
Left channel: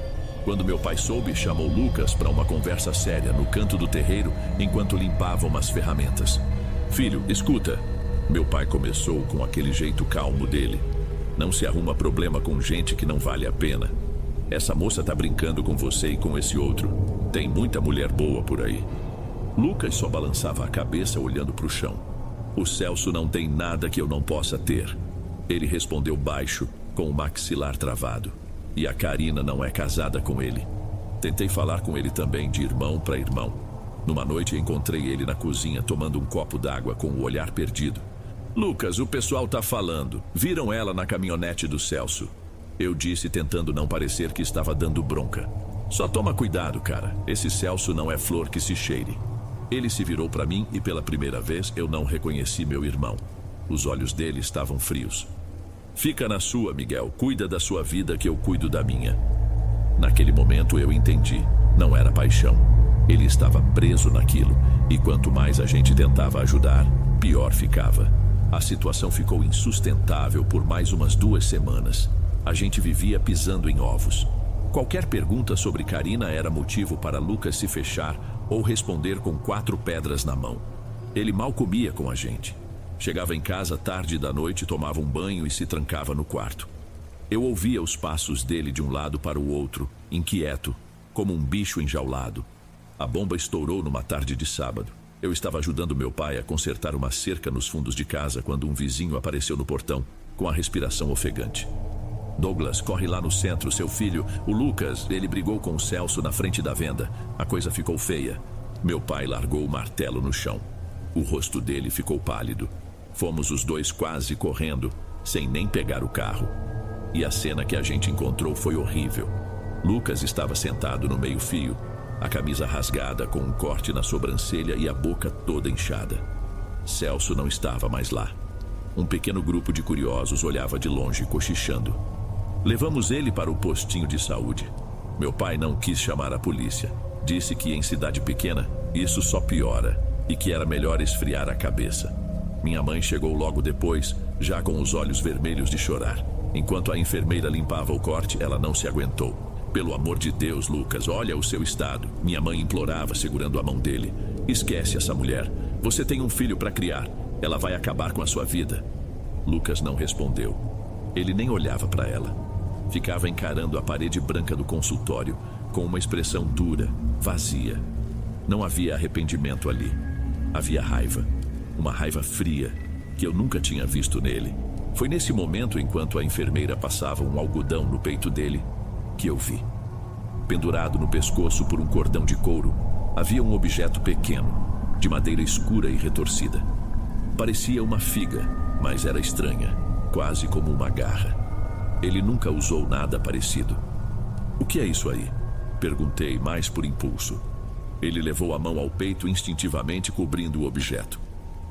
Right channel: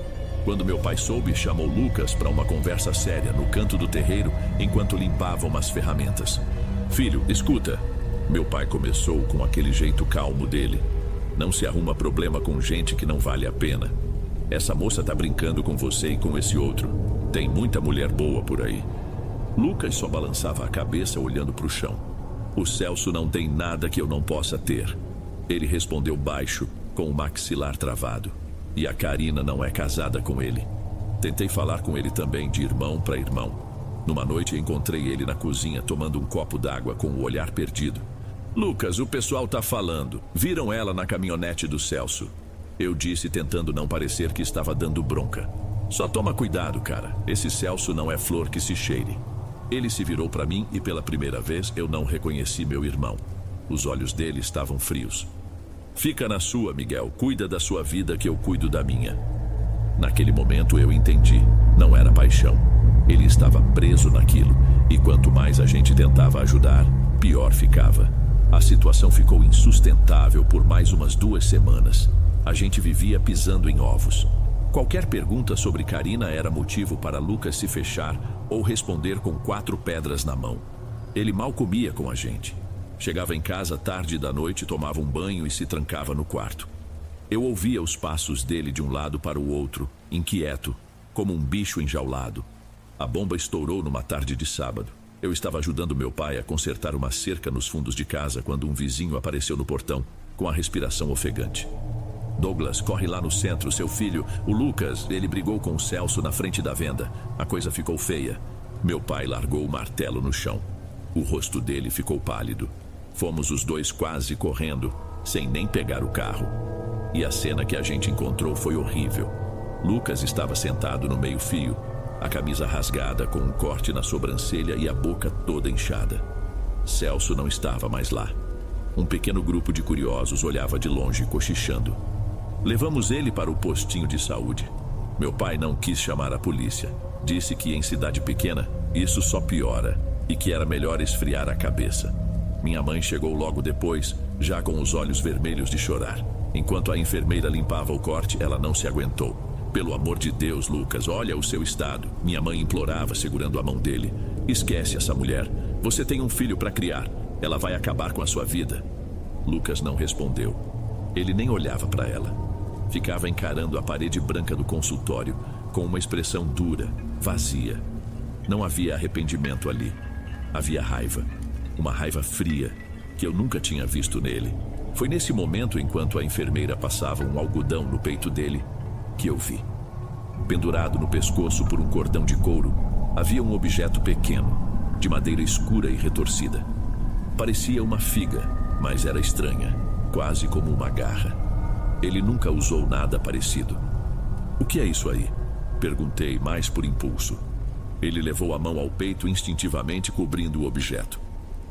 Quando meu pai soube, chamou Lucas para uma conversa séria no canto do terreiro enquanto limpava umas ferramentas. Filho, escuta. Meu pai começou com aquele jeito calmo dele. Não se arruma problema com gente que não vale a pena. Essa moça tá brincando com você e com esse outro. Tem muita mulher boa por aí. Lucas só balançava a cabeça olhando para o chão. O Celso não tem nada que eu não possa ter. Ele respondeu baixo, com o maxilar travado. E a Karina não é casada com ele. Tentei falar com ele também de irmão para irmão. Numa noite encontrei ele na cozinha tomando um copo d'água com o olhar perdido. Lucas, o pessoal tá falando. Viram ela na caminhonete do Celso. Eu disse tentando não parecer que estava dando bronca. Só toma cuidado, cara. Esse Celso não é flor que se cheire. Ele se virou para mim e pela primeira vez eu não reconheci meu irmão. Os olhos dele estavam frios. Fica na sua, Miguel. Cuida da sua vida que eu cuido da minha. Naquele momento eu entendi. Não era paixão. Ele estava preso naquilo. E quanto mais a gente tentava ajudar, pior ficava. A situação ficou insustentável por mais umas 2 semanas. A gente vivia pisando em ovos. Qualquer pergunta sobre Karina era motivo para Lucas se fechar ou responder com 4 pedras na mão. Ele mal comia com a gente. Chegava em casa tarde da noite, tomava um banho e se trancava no quarto. Eu ouvia os passos dele de um lado para o outro, inquieto, como um bicho enjaulado. A bomba estourou numa tarde de sábado. Eu estava ajudando meu pai a consertar uma cerca nos fundos de casa quando um vizinho apareceu no portão, com a respiração ofegante. Douglas, corre lá no centro, seu filho, o Lucas, ele brigou com o Celso na frente da venda. A coisa ficou feia. Meu pai largou o martelo no chão. O rosto dele ficou pálido. Fomos os dois quase correndo, sem nem pegar o carro. E a cena que a gente encontrou foi horrível. Lucas estava sentado no meio-fio, a camisa rasgada com um corte na sobrancelha e a boca toda inchada. Celso não estava mais lá. Um pequeno grupo de curiosos olhava de longe, cochichando. Levamos ele para o postinho de saúde. Meu pai não quis chamar a polícia. Disse que em cidade pequena, isso só piora e que era melhor esfriar a cabeça. Minha mãe chegou logo depois, já com os olhos vermelhos de chorar. Enquanto a enfermeira limpava o corte, ela não se aguentou. Pelo amor de Deus, Lucas, olha o seu estado. Minha mãe implorava, segurando a mão dele. Esquece essa mulher. Você tem um filho para criar. Ela vai acabar com a sua vida. Lucas não respondeu. Ele nem olhava para ela. Ficava encarando a parede branca do consultório, com uma expressão dura, vazia. Não havia arrependimento ali. Havia raiva. Uma raiva fria, que eu nunca tinha visto nele. Foi nesse momento, enquanto a enfermeira passava um algodão no peito dele, que eu vi. Pendurado no pescoço por um cordão de couro, havia um objeto pequeno, de madeira escura e retorcida. Parecia uma figa, mas era estranha, quase como uma garra. Ele nunca usou nada parecido. O que é isso aí? Perguntei, mais por impulso. Ele levou a mão ao peito instintivamente, cobrindo o objeto.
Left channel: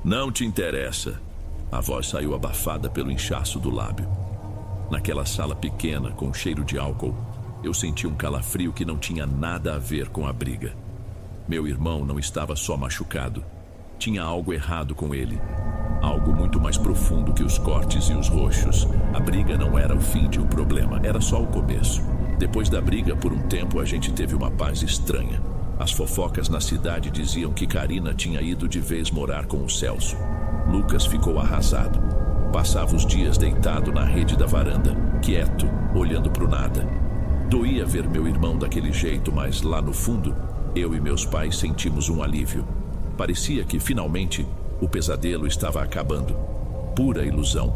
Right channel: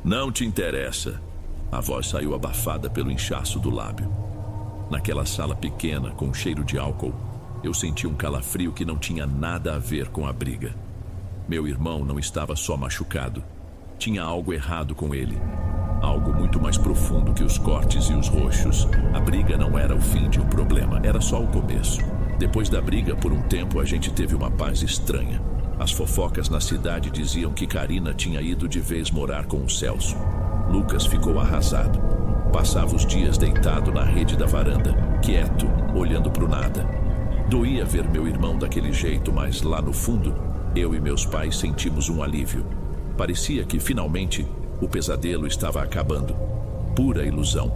Não te interessa. A voz saiu abafada pelo inchaço do lábio. Naquela sala pequena, com cheiro de álcool, eu senti um calafrio que não tinha nada a ver com a briga. Meu irmão não estava só machucado. Tinha algo errado com ele. Algo muito mais profundo que os cortes e os roxos. A briga não era o fim de um problema, era só o começo. Depois da briga, por um tempo, a gente teve uma paz estranha. As fofocas na cidade diziam que Karina tinha ido de vez morar com o Celso. Lucas ficou arrasado. Passava os dias deitado na rede da varanda, quieto, olhando para o nada. Doía ver meu irmão daquele jeito, mas lá no fundo, eu e meus pais sentimos um alívio. Parecia que, finalmente, o pesadelo estava acabando. Pura ilusão.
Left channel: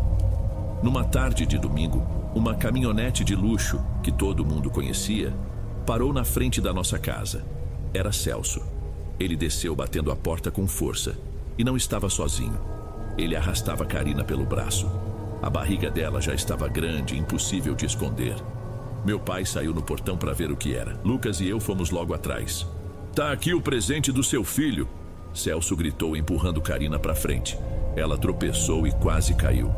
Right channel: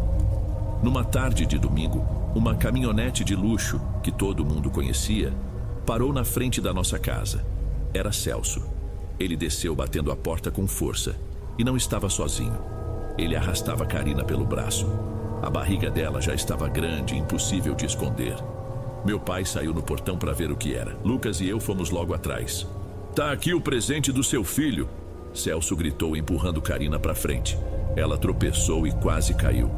Numa tarde de domingo, uma caminhonete de luxo, que todo mundo conhecia, parou na frente da nossa casa. Era Celso. Ele desceu batendo a porta com força. E não estava sozinho. Ele arrastava Karina pelo braço. A barriga dela já estava grande, impossível de esconder. Meu pai saiu no portão para ver o que era. Lucas e eu fomos logo atrás. Tá aqui o presente do seu filho, Celso gritou, empurrando Karina para frente. Ela tropeçou e quase caiu.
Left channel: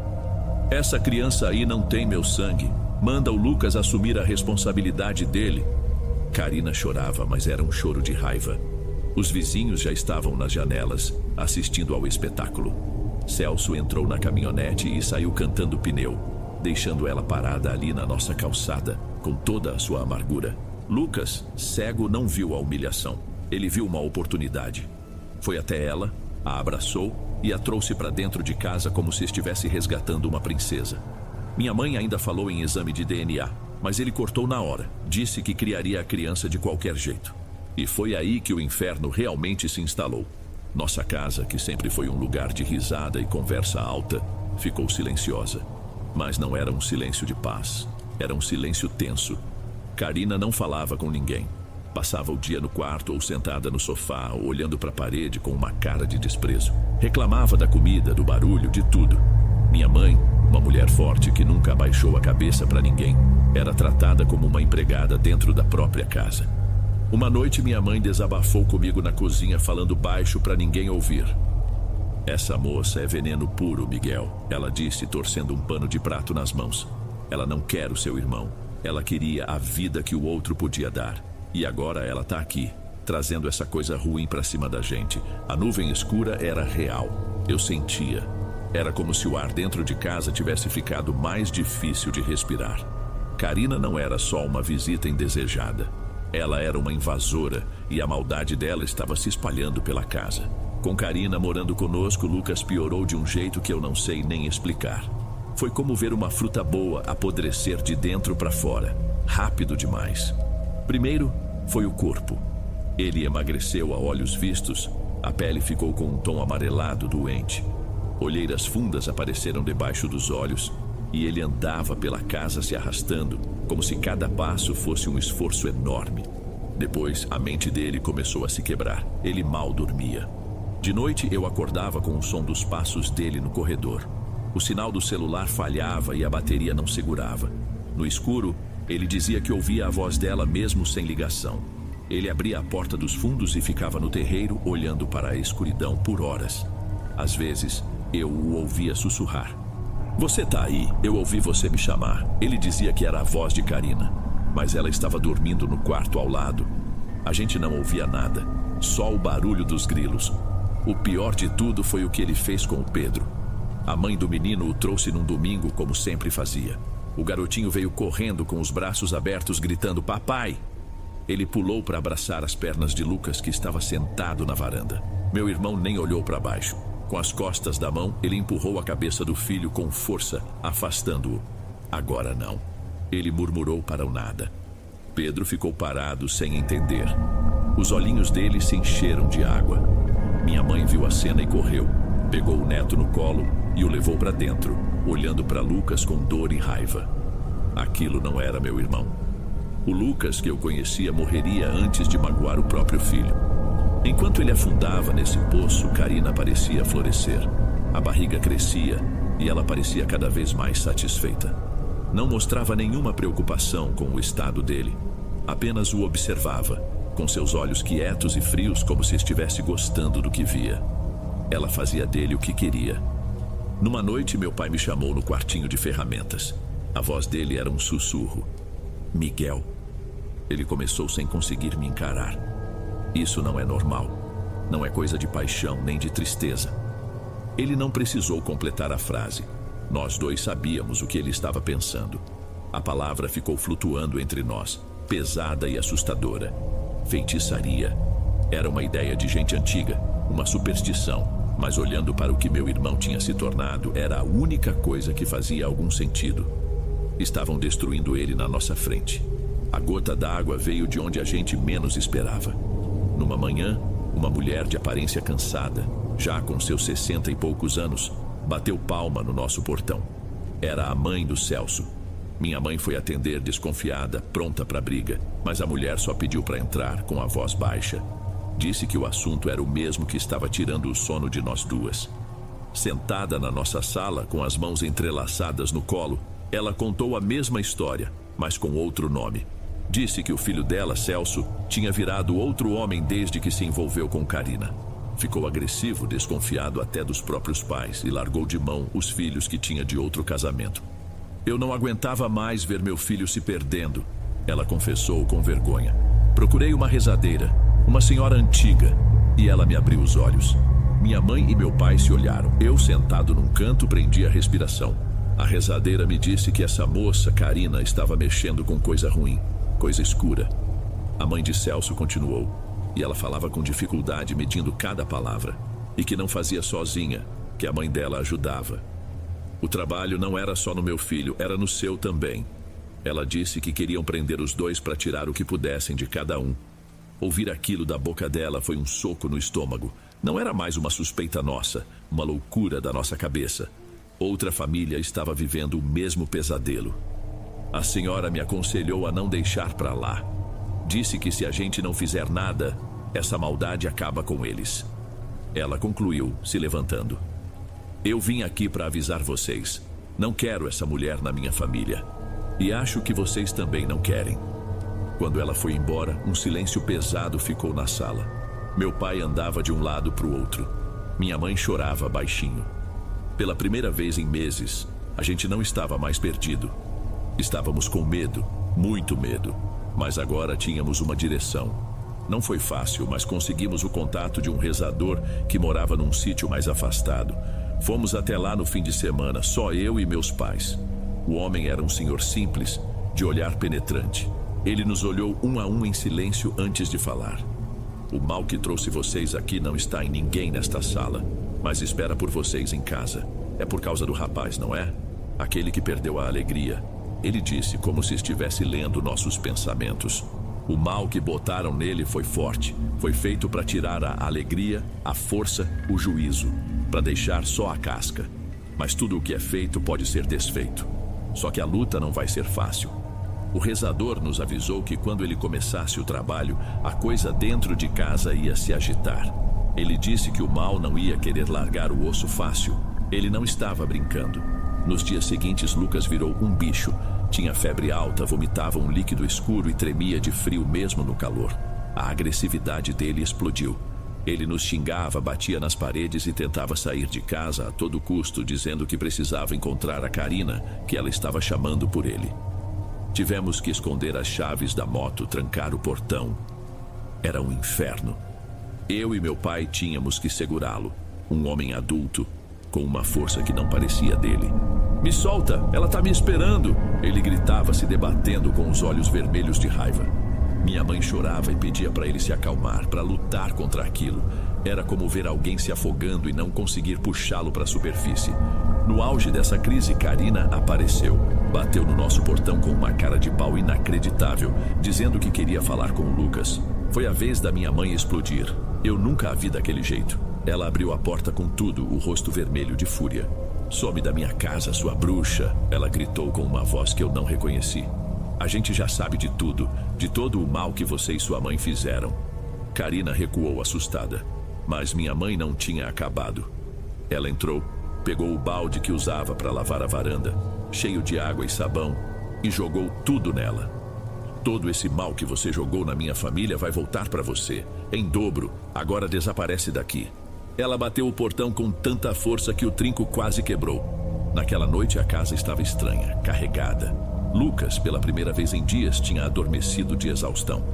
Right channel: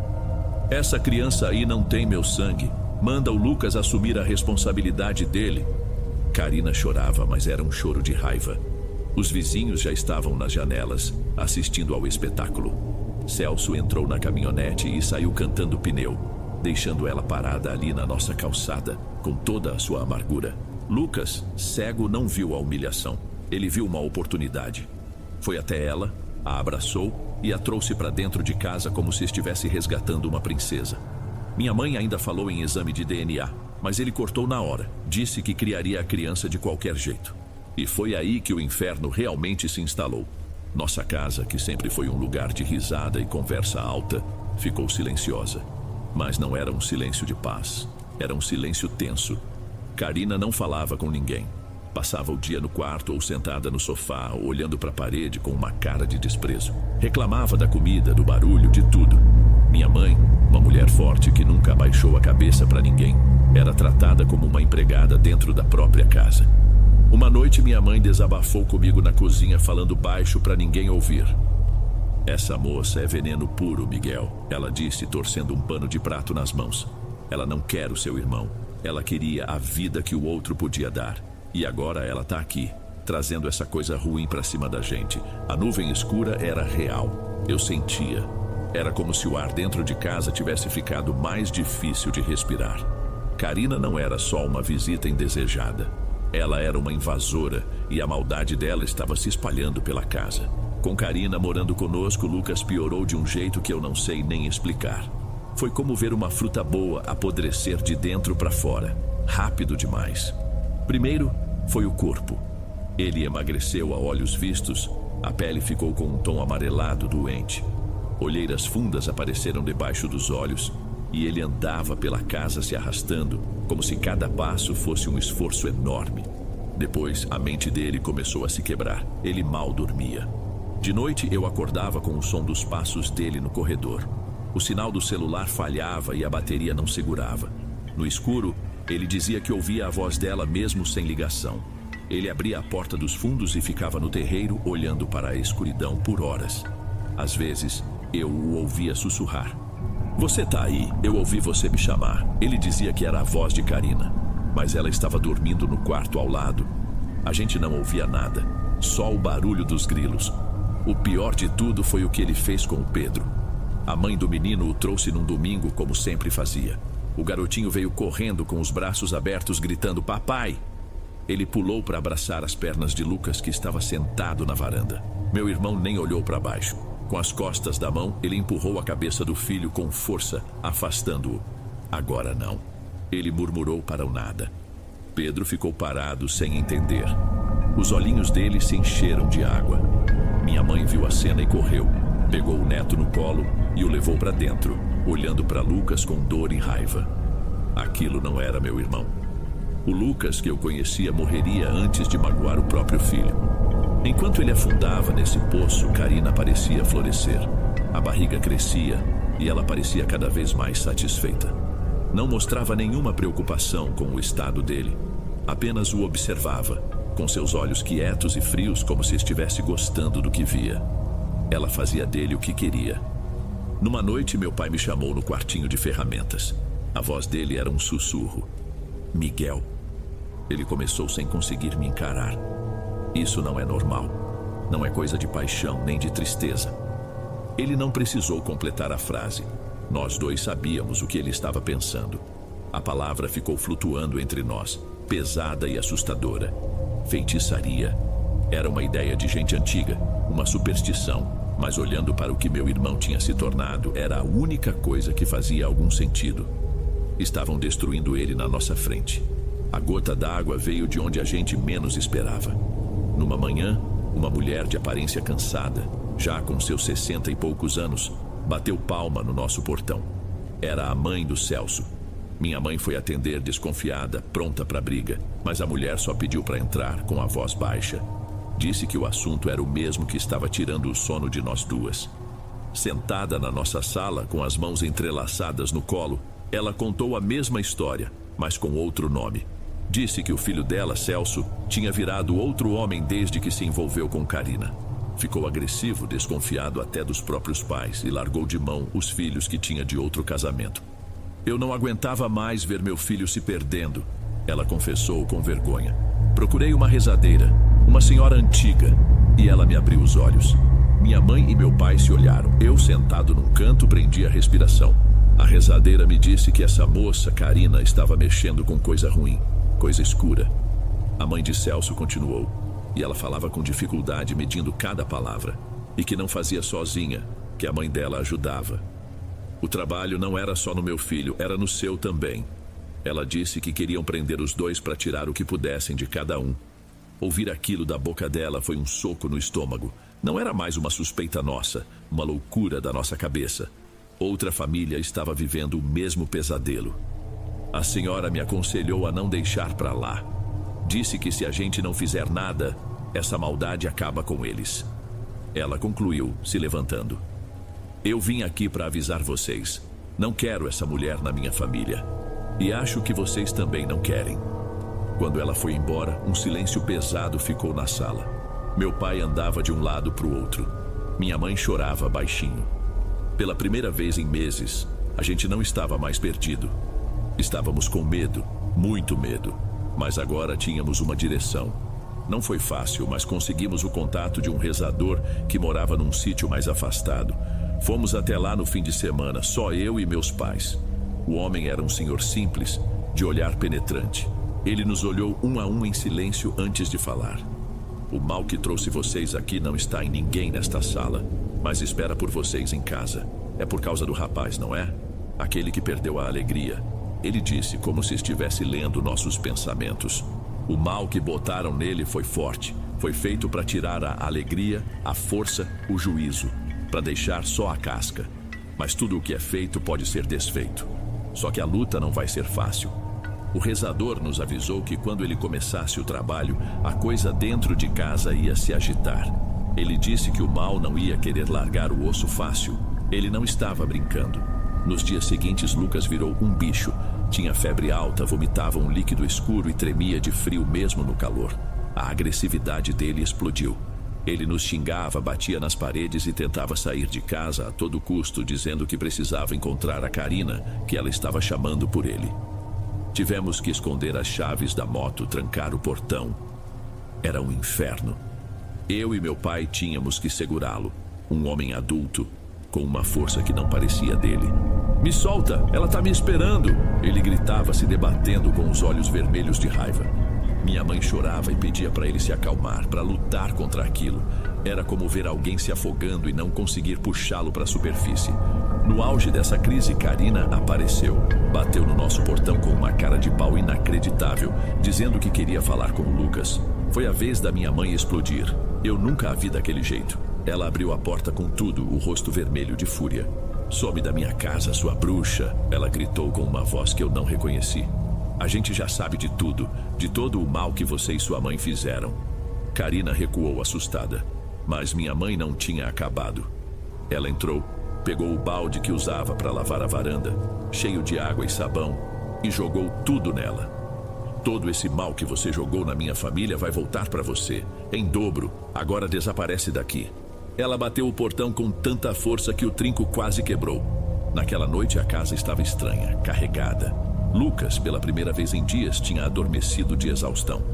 Essa criança aí não tem meu sangue. Manda o Lucas assumir a responsabilidade dele. Karina chorava, mas era um choro de raiva. Os vizinhos já estavam nas janelas, assistindo ao espetáculo. Celso entrou na caminhonete e saiu cantando pneu, deixando ela parada ali na nossa calçada, com toda a sua amargura. Lucas, cego, não viu a humilhação. Ele viu uma oportunidade. Foi até ela, a abraçou e a trouxe para dentro de casa como se estivesse resgatando uma princesa. Minha mãe ainda falou em exame de DNA, mas ele cortou na hora. Disse que criaria a criança de qualquer jeito. E foi aí que o inferno realmente se instalou. Nossa casa, que sempre foi um lugar de risada e conversa alta, ficou silenciosa. Mas não era um silêncio de paz, era um silêncio tenso. Karina não falava com ninguém. Passava o dia no quarto ou sentada no sofá, olhando para a parede com uma cara de desprezo. Reclamava da comida, do barulho, de tudo. Minha mãe, uma mulher forte que nunca abaixou a cabeça para ninguém, era tratada como uma empregada dentro da própria casa. Uma noite minha mãe desabafou comigo na cozinha falando baixo para ninguém ouvir. "Essa moça é veneno puro, Miguel", ela disse, torcendo um pano de prato nas mãos. "Ela não quer o seu irmão. Ela queria a vida que o outro podia dar. E agora ela tá aqui, trazendo essa coisa ruim pra cima da gente." A nuvem escura era real. Eu sentia. Era como se o ar dentro de casa tivesse ficado mais difícil de respirar. Karina não era só uma visita indesejada. Ela era uma invasora e a maldade dela estava se espalhando pela casa. Com Karina morando conosco, Lucas piorou de um jeito que eu não sei nem explicar. Foi como ver uma fruta boa apodrecer de dentro para fora, rápido demais. Primeiro, foi o corpo. Ele emagreceu a olhos vistos, a pele ficou com um tom amarelado doente. Olheiras fundas apareceram debaixo dos olhos e ele andava pela casa se arrastando, como se cada passo fosse um esforço enorme. Depois, a mente dele começou a se quebrar. Ele mal dormia. De noite, eu acordava com o som dos passos dele no corredor. O sinal do celular falhava e a bateria não segurava. No escuro, ele dizia que ouvia a voz dela mesmo sem ligação. Ele abria a porta dos fundos e ficava no terreiro olhando para a escuridão por horas. Às vezes, eu o ouvia sussurrar. "Você tá aí, eu ouvi você me chamar." Ele dizia que era a voz de Karina, mas ela estava dormindo no quarto ao lado. A gente não ouvia nada, só o barulho dos grilos. O pior de tudo foi o que ele fez com o Pedro. A mãe do menino o trouxe num domingo, como sempre fazia. O garotinho veio correndo com os braços abertos, gritando "Papai!". Ele pulou para abraçar as pernas de Lucas, que estava sentado na varanda. Meu irmão nem olhou para baixo. Com as costas da mão, ele empurrou a cabeça do filho com força, afastando-o. "Agora não." Ele murmurou para o nada. Pedro ficou parado, sem entender. Os olhinhos dele se encheram de água. Minha mãe viu a cena e correu. Pegou o neto no colo e o levou para dentro, olhando para Lucas com dor e raiva. Aquilo não era meu irmão. O Lucas que eu conhecia morreria antes de magoar o próprio filho. Enquanto ele afundava nesse poço, Karina parecia florescer. A barriga crescia e ela parecia cada vez mais satisfeita. Não mostrava nenhuma preocupação com o estado dele. Apenas o observava, com seus olhos quietos e frios, como se estivesse gostando do que via. Ela fazia dele o que queria. Numa noite, meu pai me chamou no quartinho de ferramentas. A voz dele era um sussurro. "Miguel." Ele começou sem conseguir me encarar. "Isso não é normal. Não é coisa de paixão nem de tristeza." Ele não precisou completar a frase. Nós dois sabíamos o que ele estava pensando. A palavra ficou flutuando entre nós, pesada e assustadora. Feitiçaria. Era uma ideia de gente antiga, uma superstição, mas olhando para o que meu irmão tinha se tornado, era a única coisa que fazia algum sentido. Estavam destruindo ele na nossa frente. A gota d'água veio de onde a gente menos esperava. Numa manhã, uma mulher de aparência cansada, já com seus 60 e poucos anos, bateu palma no nosso portão. Era a mãe do Celso. Minha mãe foi atender desconfiada, pronta para a briga, mas a mulher só pediu para entrar com a voz baixa. Disse que o assunto era o mesmo que estava tirando o sono de nós duas. Sentada na nossa sala, com as mãos entrelaçadas no colo, ela contou a mesma história, mas com outro nome. Disse que o filho dela, Celso, tinha virado outro homem desde que se envolveu com Karina. Ficou agressivo, desconfiado até dos próprios pais e largou de mão os filhos que tinha de outro casamento. "Eu não aguentava mais ver meu filho se perdendo", ela confessou com vergonha. "Procurei uma rezadeira, uma senhora antiga, e ela me abriu os olhos." Minha mãe e meu pai se olharam. Eu, sentado num canto, prendi a respiração. A rezadeira me disse que essa moça, Karina, estava mexendo com coisa ruim, coisa escura. A mãe de Celso continuou, e ela falava com dificuldade, medindo cada palavra, e que não fazia sozinha, que a mãe dela ajudava. O trabalho não era só no meu filho, era no seu também. Ela disse que queriam prender os dois para tirar o que pudessem de cada um. Ouvir aquilo da boca dela foi um soco no estômago. Não era mais uma suspeita nossa, uma loucura da nossa cabeça. Outra família estava vivendo o mesmo pesadelo. A senhora me aconselhou a não deixar para lá. Disse que se a gente não fizer nada, essa maldade acaba com eles. Ela concluiu, se levantando. Eu vim aqui para avisar vocês. Não quero essa mulher na minha família. E acho que vocês também não querem. Quando ela foi embora, um silêncio pesado ficou na sala. Meu pai andava de um lado para o outro. Minha mãe chorava baixinho. Pela primeira vez em meses, a gente não estava mais perdido. Estávamos com medo, muito medo. Mas agora tínhamos uma direção. Não foi fácil, mas conseguimos o contato de um rezador que morava num sítio mais afastado. Fomos até lá no fim de semana, só eu e meus pais. O homem era um senhor simples, de olhar penetrante. Ele nos olhou um a um em silêncio antes de falar. O mal que trouxe vocês aqui não está em ninguém nesta sala, mas espera por vocês em casa. É por causa do rapaz, não é? Aquele que perdeu a alegria. Ele disse como se estivesse lendo nossos pensamentos. O mal que botaram nele foi forte. Foi feito para tirar a alegria, a força, o juízo. Para deixar só a casca. Mas tudo o que é feito pode ser desfeito. Só que a luta não vai ser fácil. O rezador nos avisou que quando ele começasse o trabalho, a coisa dentro de casa ia se agitar. Ele disse que o mal não ia querer largar o osso fácil. Ele não estava brincando. Nos dias seguintes, Lucas virou um bicho. Tinha febre alta, vomitava um líquido escuro e tremia de frio mesmo no calor. A agressividade dele explodiu. Ele nos xingava, batia nas paredes e tentava sair de casa a todo custo, dizendo que precisava encontrar a Karina, que ela estava chamando por ele. Tivemos que esconder as chaves da moto, trancar o portão. Era um inferno. Eu e meu pai tínhamos que segurá-lo. Um homem adulto, com uma força que não parecia dele. Me solta, ela tá me esperando! Ele gritava, se debatendo com os olhos vermelhos de raiva. Minha mãe chorava e pedia para ele se acalmar, para lutar contra aquilo. Era como ver alguém se afogando e não conseguir puxá-lo para a superfície. No auge dessa crise, Karina apareceu. Bateu no nosso portão com uma cara de pau inacreditável, dizendo que queria falar com o Lucas. Foi a vez da minha mãe explodir. Eu nunca a vi daquele jeito. Ela abriu a porta com tudo, o rosto vermelho de fúria. Some da minha casa, sua bruxa! Ela gritou com uma voz que eu não reconheci. A gente já sabe de tudo, de todo o mal que você e sua mãe fizeram. Karina recuou assustada, mas minha mãe não tinha acabado. Ela entrou, pegou o balde que usava para lavar a varanda, cheio de água e sabão, e jogou tudo nela. Todo esse mal que você jogou na minha família vai voltar para você, em dobro. Agora desaparece daqui. Ela bateu o portão com tanta força que o trinco quase quebrou. Naquela noite a casa estava estranha, carregada. Lucas, pela primeira vez em dias, tinha adormecido de exaustão.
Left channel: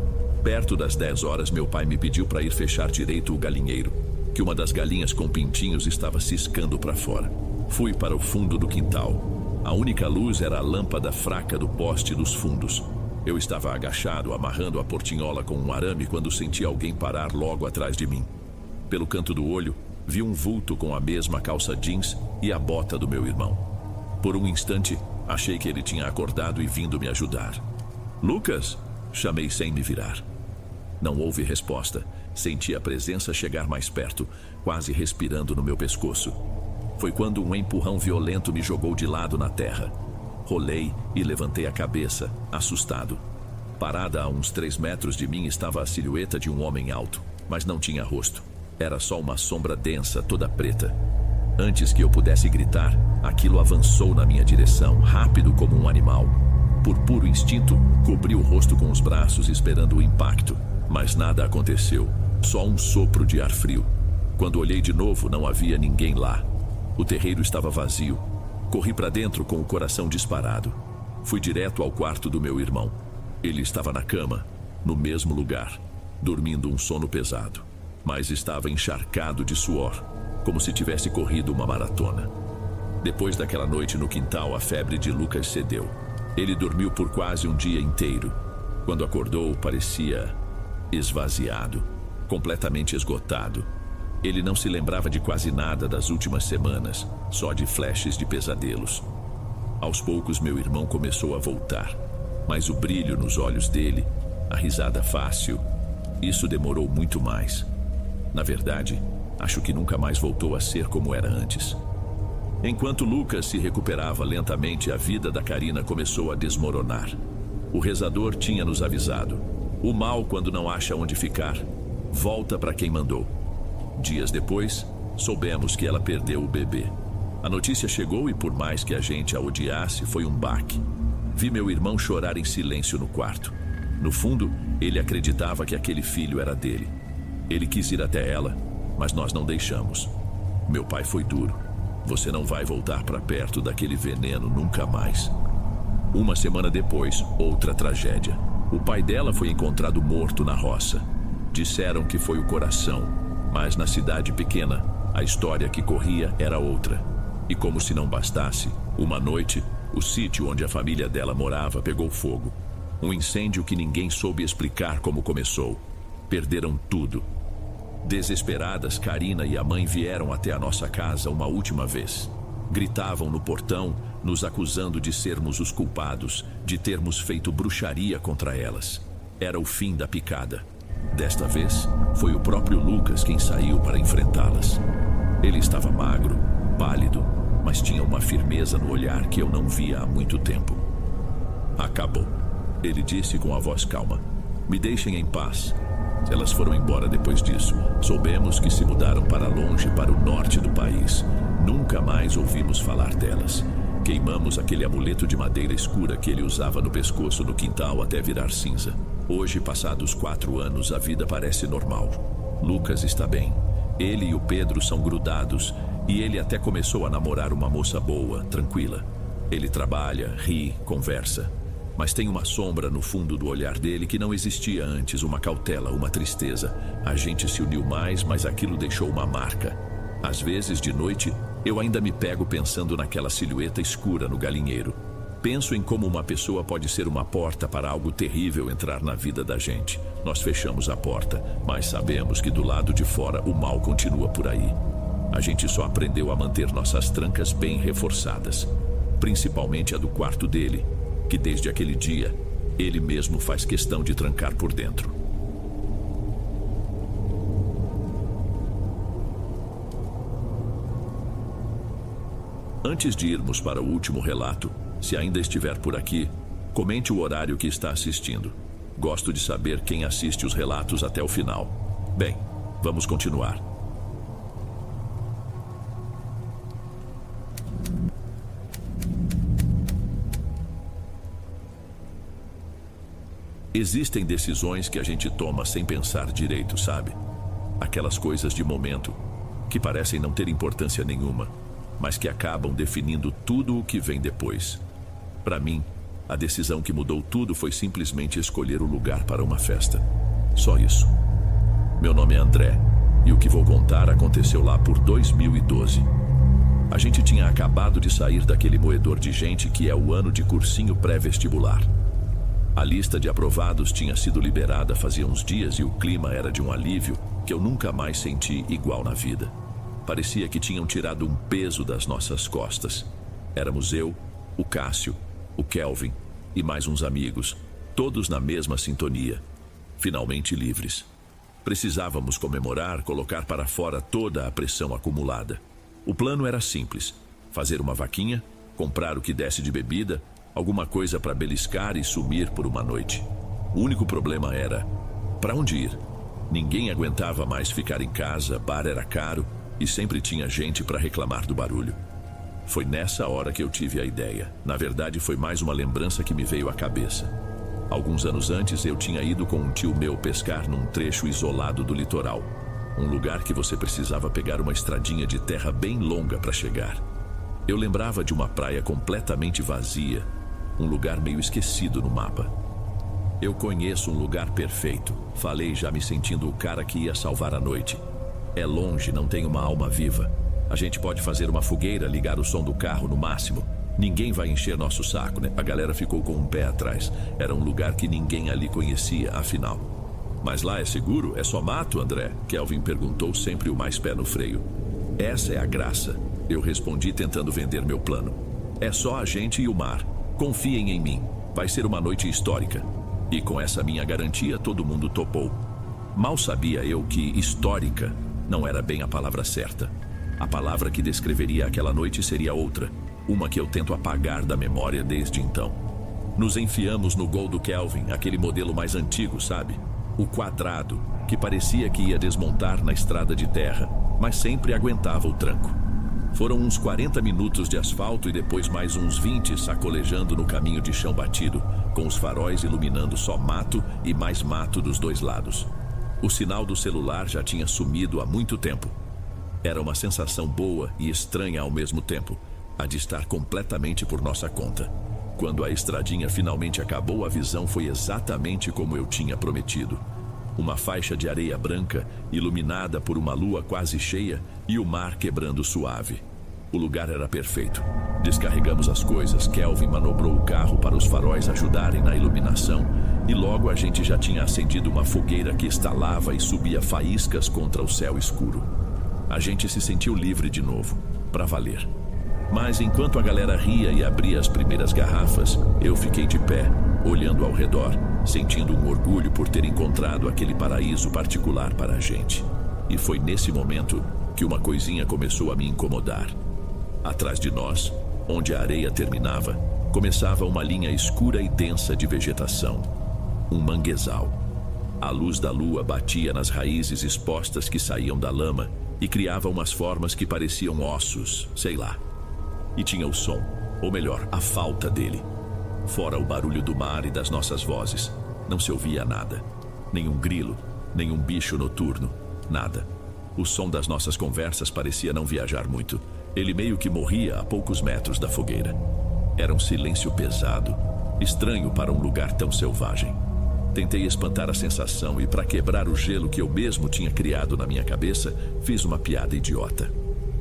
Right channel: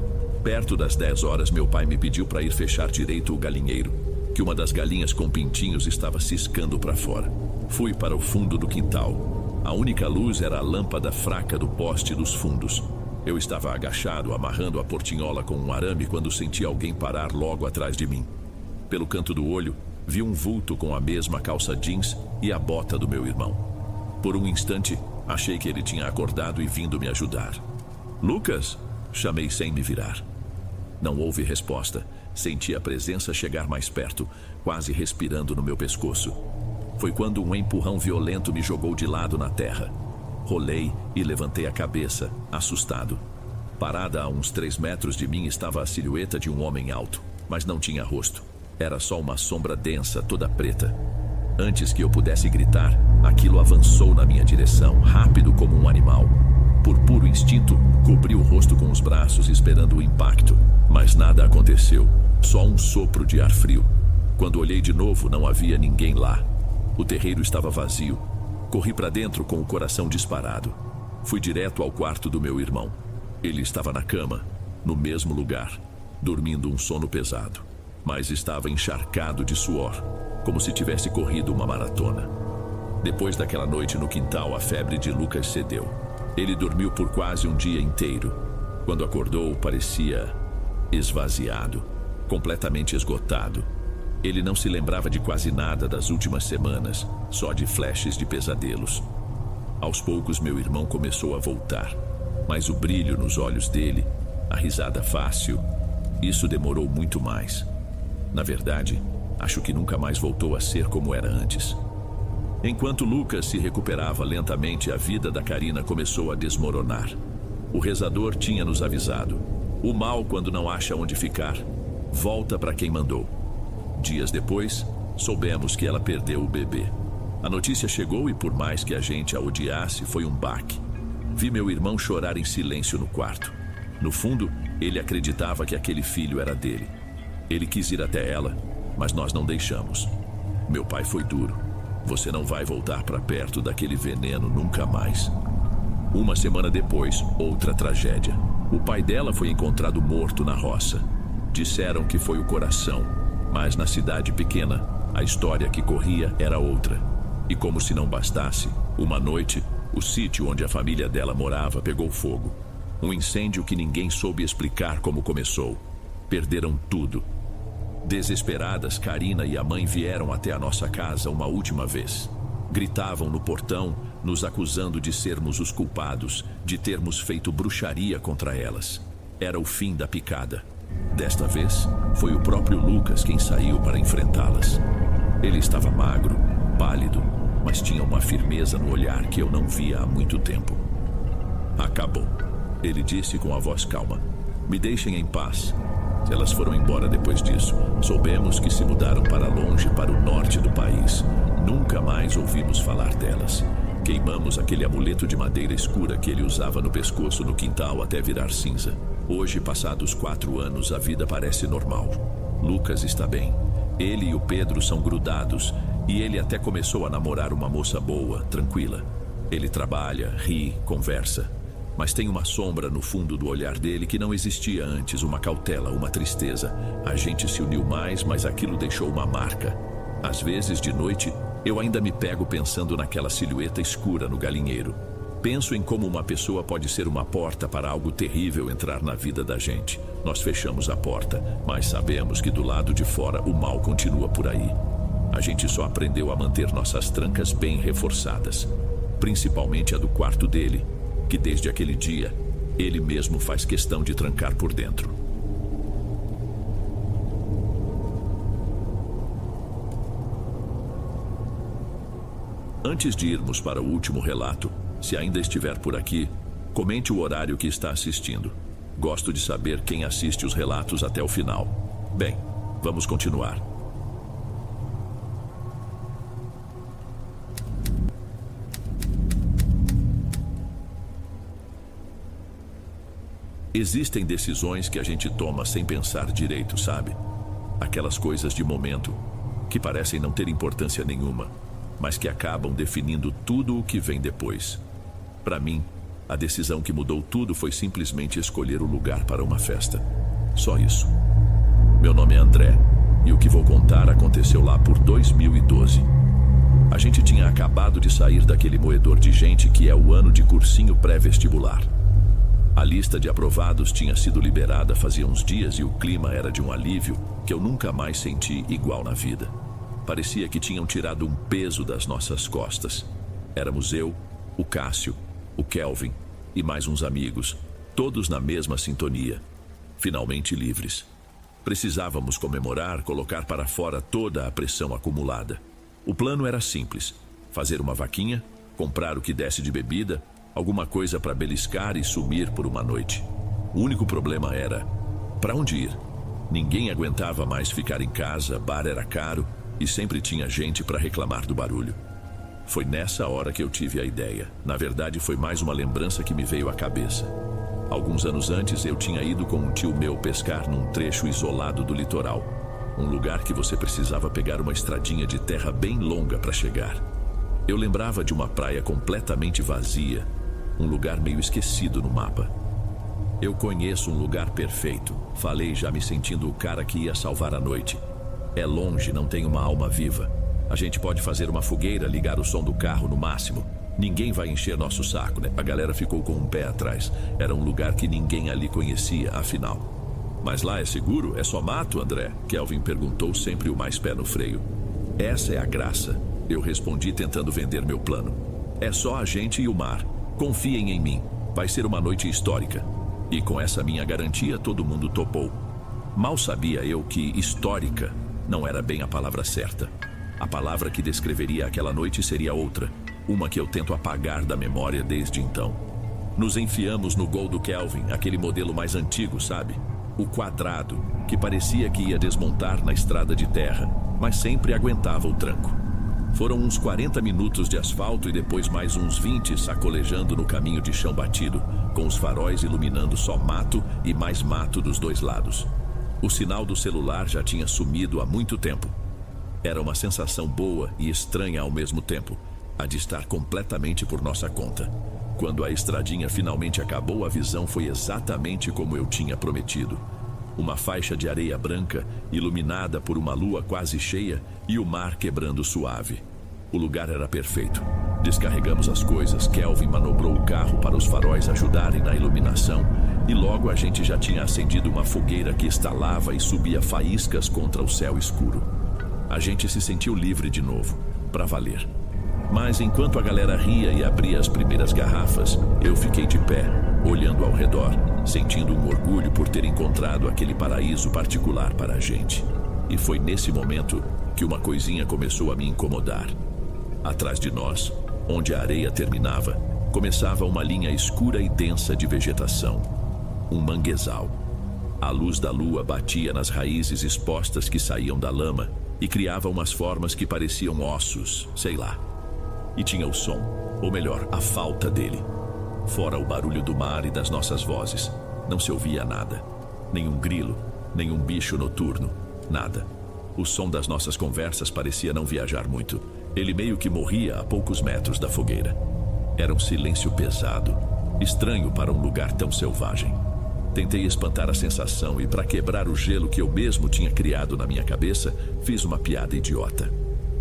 Perto das 10 horas, meu pai me pediu para ir fechar direito o galinheiro, que uma das galinhas com pintinhos estava ciscando para fora. Fui para o fundo do quintal. A única luz era a lâmpada fraca do poste dos fundos. Eu estava agachado, amarrando a portinhola com um arame quando senti alguém parar logo atrás de mim. Pelo canto do olho, vi um vulto com a mesma calça jeans e a bota do meu irmão. Por um instante, achei que ele tinha acordado e vindo me ajudar. Lucas? Chamei sem me virar. Não houve resposta. Senti a presença chegar mais perto, quase respirando no meu pescoço. Foi quando um empurrão violento me jogou de lado na terra. Rolei e levantei a cabeça, assustado. Parada a uns 3 metros de mim estava a silhueta de um homem alto, mas não tinha rosto. Era só uma sombra densa, toda preta. Antes que eu pudesse gritar, aquilo avançou na minha direção, rápido como um animal. Por puro instinto, cobri o rosto com os braços, esperando o impacto. Mas nada aconteceu, só um sopro de ar frio. Quando olhei de novo, não havia ninguém lá. O terreiro estava vazio. Corri para dentro com o coração disparado. Fui direto ao quarto do meu irmão. Ele estava na cama, no mesmo lugar, dormindo um sono pesado. Mas estava encharcado de suor, como se tivesse corrido uma maratona. Depois daquela noite no quintal, a febre de Lucas cedeu. Ele dormiu por quase um dia inteiro. Quando acordou, parecia esvaziado, completamente esgotado. Ele não se lembrava de quase nada das últimas semanas, só de flashes de pesadelos. Aos poucos, meu irmão começou a voltar, mas o brilho nos olhos dele, a risada fácil, isso demorou muito mais. Na verdade, Acho que nunca mais voltou a ser como era antes. Enquanto Lucas se recuperava lentamente, a vida da Karina começou a desmoronar. O rezador tinha nos avisado: o mal, quando não acha onde ficar, volta para quem mandou. Dias depois, soubemos que ela perdeu o bebê. A notícia chegou e, por mais que a gente a odiasse, foi um baque. Vi meu irmão chorar em silêncio no quarto. No fundo, ele acreditava que aquele filho era dele. Ele quis ir até ela, mas nós não deixamos. Meu pai foi duro. Você não vai voltar para perto daquele veneno nunca mais. Uma semana depois, outra tragédia. O pai dela foi encontrado morto na roça. Disseram que foi o coração, mas na cidade pequena, a história que corria era outra. E como se não bastasse, uma noite, o sítio onde a família dela morava pegou fogo. Um incêndio que ninguém soube explicar como começou. Perderam tudo. Desesperadas, Karina e a mãe vieram até a nossa casa uma última vez. Gritavam no portão, nos acusando de sermos os culpados, de termos feito bruxaria contra elas. Era o fim da picada. Desta vez, foi o próprio Lucas quem saiu para enfrentá-las. Ele estava magro, pálido, mas tinha uma firmeza no olhar que eu não via há muito tempo. Acabou, ele disse com a voz calma. Me deixem em paz. Elas foram embora depois disso. Soubemos que se mudaram para longe, para o norte do país. Nunca mais ouvimos falar delas. Queimamos aquele amuleto de madeira escura que ele usava no pescoço no quintal até virar cinza. Hoje, passados 4 anos, a vida parece normal. Lucas está bem. Ele e o Pedro são grudados e ele até começou a namorar uma moça boa, tranquila. Ele trabalha, ri, conversa. Mas tem uma sombra no fundo do olhar dele que não existia antes, uma cautela, uma tristeza. A gente se uniu mais, mas aquilo deixou uma marca. Às vezes, de noite, eu ainda me pego pensando naquela silhueta escura no galinheiro. Penso em como uma pessoa pode ser uma porta para algo terrível entrar na vida da gente. Nós fechamos a porta, mas sabemos que do lado de fora o mal continua por aí. A gente só aprendeu a manter nossas trancas bem reforçadas. Principalmente a do quarto dele, que desde aquele dia, ele mesmo faz questão de trancar por dentro. Antes de irmos para o último relato, se ainda estiver por aqui, comente o horário que está assistindo. Gosto de saber quem assiste os relatos até o final. Bem, vamos continuar. Existem decisões que a gente toma sem pensar direito, sabe? Aquelas coisas de momento, que parecem não ter importância nenhuma, mas que acabam definindo tudo o que vem depois. Para mim, a decisão que mudou tudo foi simplesmente escolher o lugar para uma festa. Só isso. Meu nome é André, e o que vou contar aconteceu lá por 2012. A gente tinha acabado de sair daquele moedor de gente que é o ano de cursinho pré-vestibular. A lista de aprovados tinha sido liberada fazia uns dias e o clima era de um alívio que eu nunca mais senti igual na vida. Parecia que tinham tirado um peso das nossas costas. Éramos eu, o Cássio, o Kelvin e mais uns amigos, todos na mesma sintonia, finalmente livres. Precisávamos comemorar, colocar para fora toda a pressão acumulada. O plano era simples: fazer uma vaquinha, comprar o que desse de bebida, alguma coisa para beliscar e sumir por uma noite. O único problema era: para onde ir? Ninguém aguentava mais ficar em casa, bar era caro e sempre tinha gente para reclamar do barulho. Foi nessa hora que eu tive a ideia. Na verdade, foi mais uma lembrança que me veio à cabeça. Alguns anos antes, eu tinha ido com um tio meu pescar num trecho isolado do litoral. Um lugar que você precisava pegar uma estradinha de terra bem longa para chegar. Eu lembrava de uma praia completamente vazia, um lugar meio esquecido no mapa. Eu conheço um lugar perfeito, falei já me sentindo o cara que ia salvar a noite. É longe, não tem uma alma viva. A gente pode fazer uma fogueira, ligar o som do carro no máximo. Ninguém vai encher nosso saco, né? A galera ficou com um pé atrás. Era um lugar que ninguém ali conhecia, afinal. Mas lá é seguro? É só mato, André? Kelvin perguntou, sempre o mais pé no freio. Essa é a graça, eu respondi tentando vender meu plano. É só a gente e o mar. Confiem em mim. Vai ser uma noite histórica. E com essa minha garantia, todo mundo topou. Mal sabia eu que histórica Não era bem a palavra certa. A palavra que descreveria aquela noite seria outra, uma que eu tento apagar da memória desde então. Nos enfiamos no Gol do Kelvin, aquele modelo mais antigo, sabe? O quadrado, que parecia que ia desmontar na estrada de terra, mas sempre aguentava o tranco. Foram uns 40 minutos de asfalto e depois mais uns 20 sacolejando no caminho de chão batido, com os faróis iluminando só mato e mais mato dos dois lados. O sinal do celular já tinha sumido há muito tempo. Era uma sensação boa e estranha ao mesmo tempo, a de estar completamente por nossa conta. Quando a estradinha finalmente acabou, a visão foi exatamente como eu tinha prometido. Uma faixa de areia branca, iluminada por uma lua quase cheia, e o mar quebrando suave. O lugar era perfeito. Descarregamos as coisas, Kelvin manobrou o carro para os faróis ajudarem na iluminação, e logo a gente já tinha acendido uma fogueira que estalava e subia faíscas contra o céu escuro. A gente se sentiu livre de novo, para valer. Mas enquanto a galera ria e abria as primeiras garrafas, eu fiquei de pé, olhando ao redor, sentindo um orgulho por ter encontrado aquele paraíso particular para a gente. E foi nesse momento que uma coisinha começou a me incomodar. Atrás de nós, onde a areia terminava, começava uma linha escura e densa de vegetação. Um manguezal. A luz da lua batia nas raízes expostas que saíam da lama e criava umas formas que pareciam ossos, sei lá. E tinha o som, ou melhor, a falta dele. Fora o barulho do mar e das nossas vozes, não se ouvia nada. Nenhum grilo, nenhum bicho noturno, nada. O som das nossas conversas parecia não viajar muito. Ele meio que morria a poucos metros da fogueira. Era um silêncio pesado, estranho para um lugar tão selvagem. Tentei espantar a sensação e, para quebrar o gelo que eu mesmo tinha criado na minha cabeça, fiz uma piada idiota.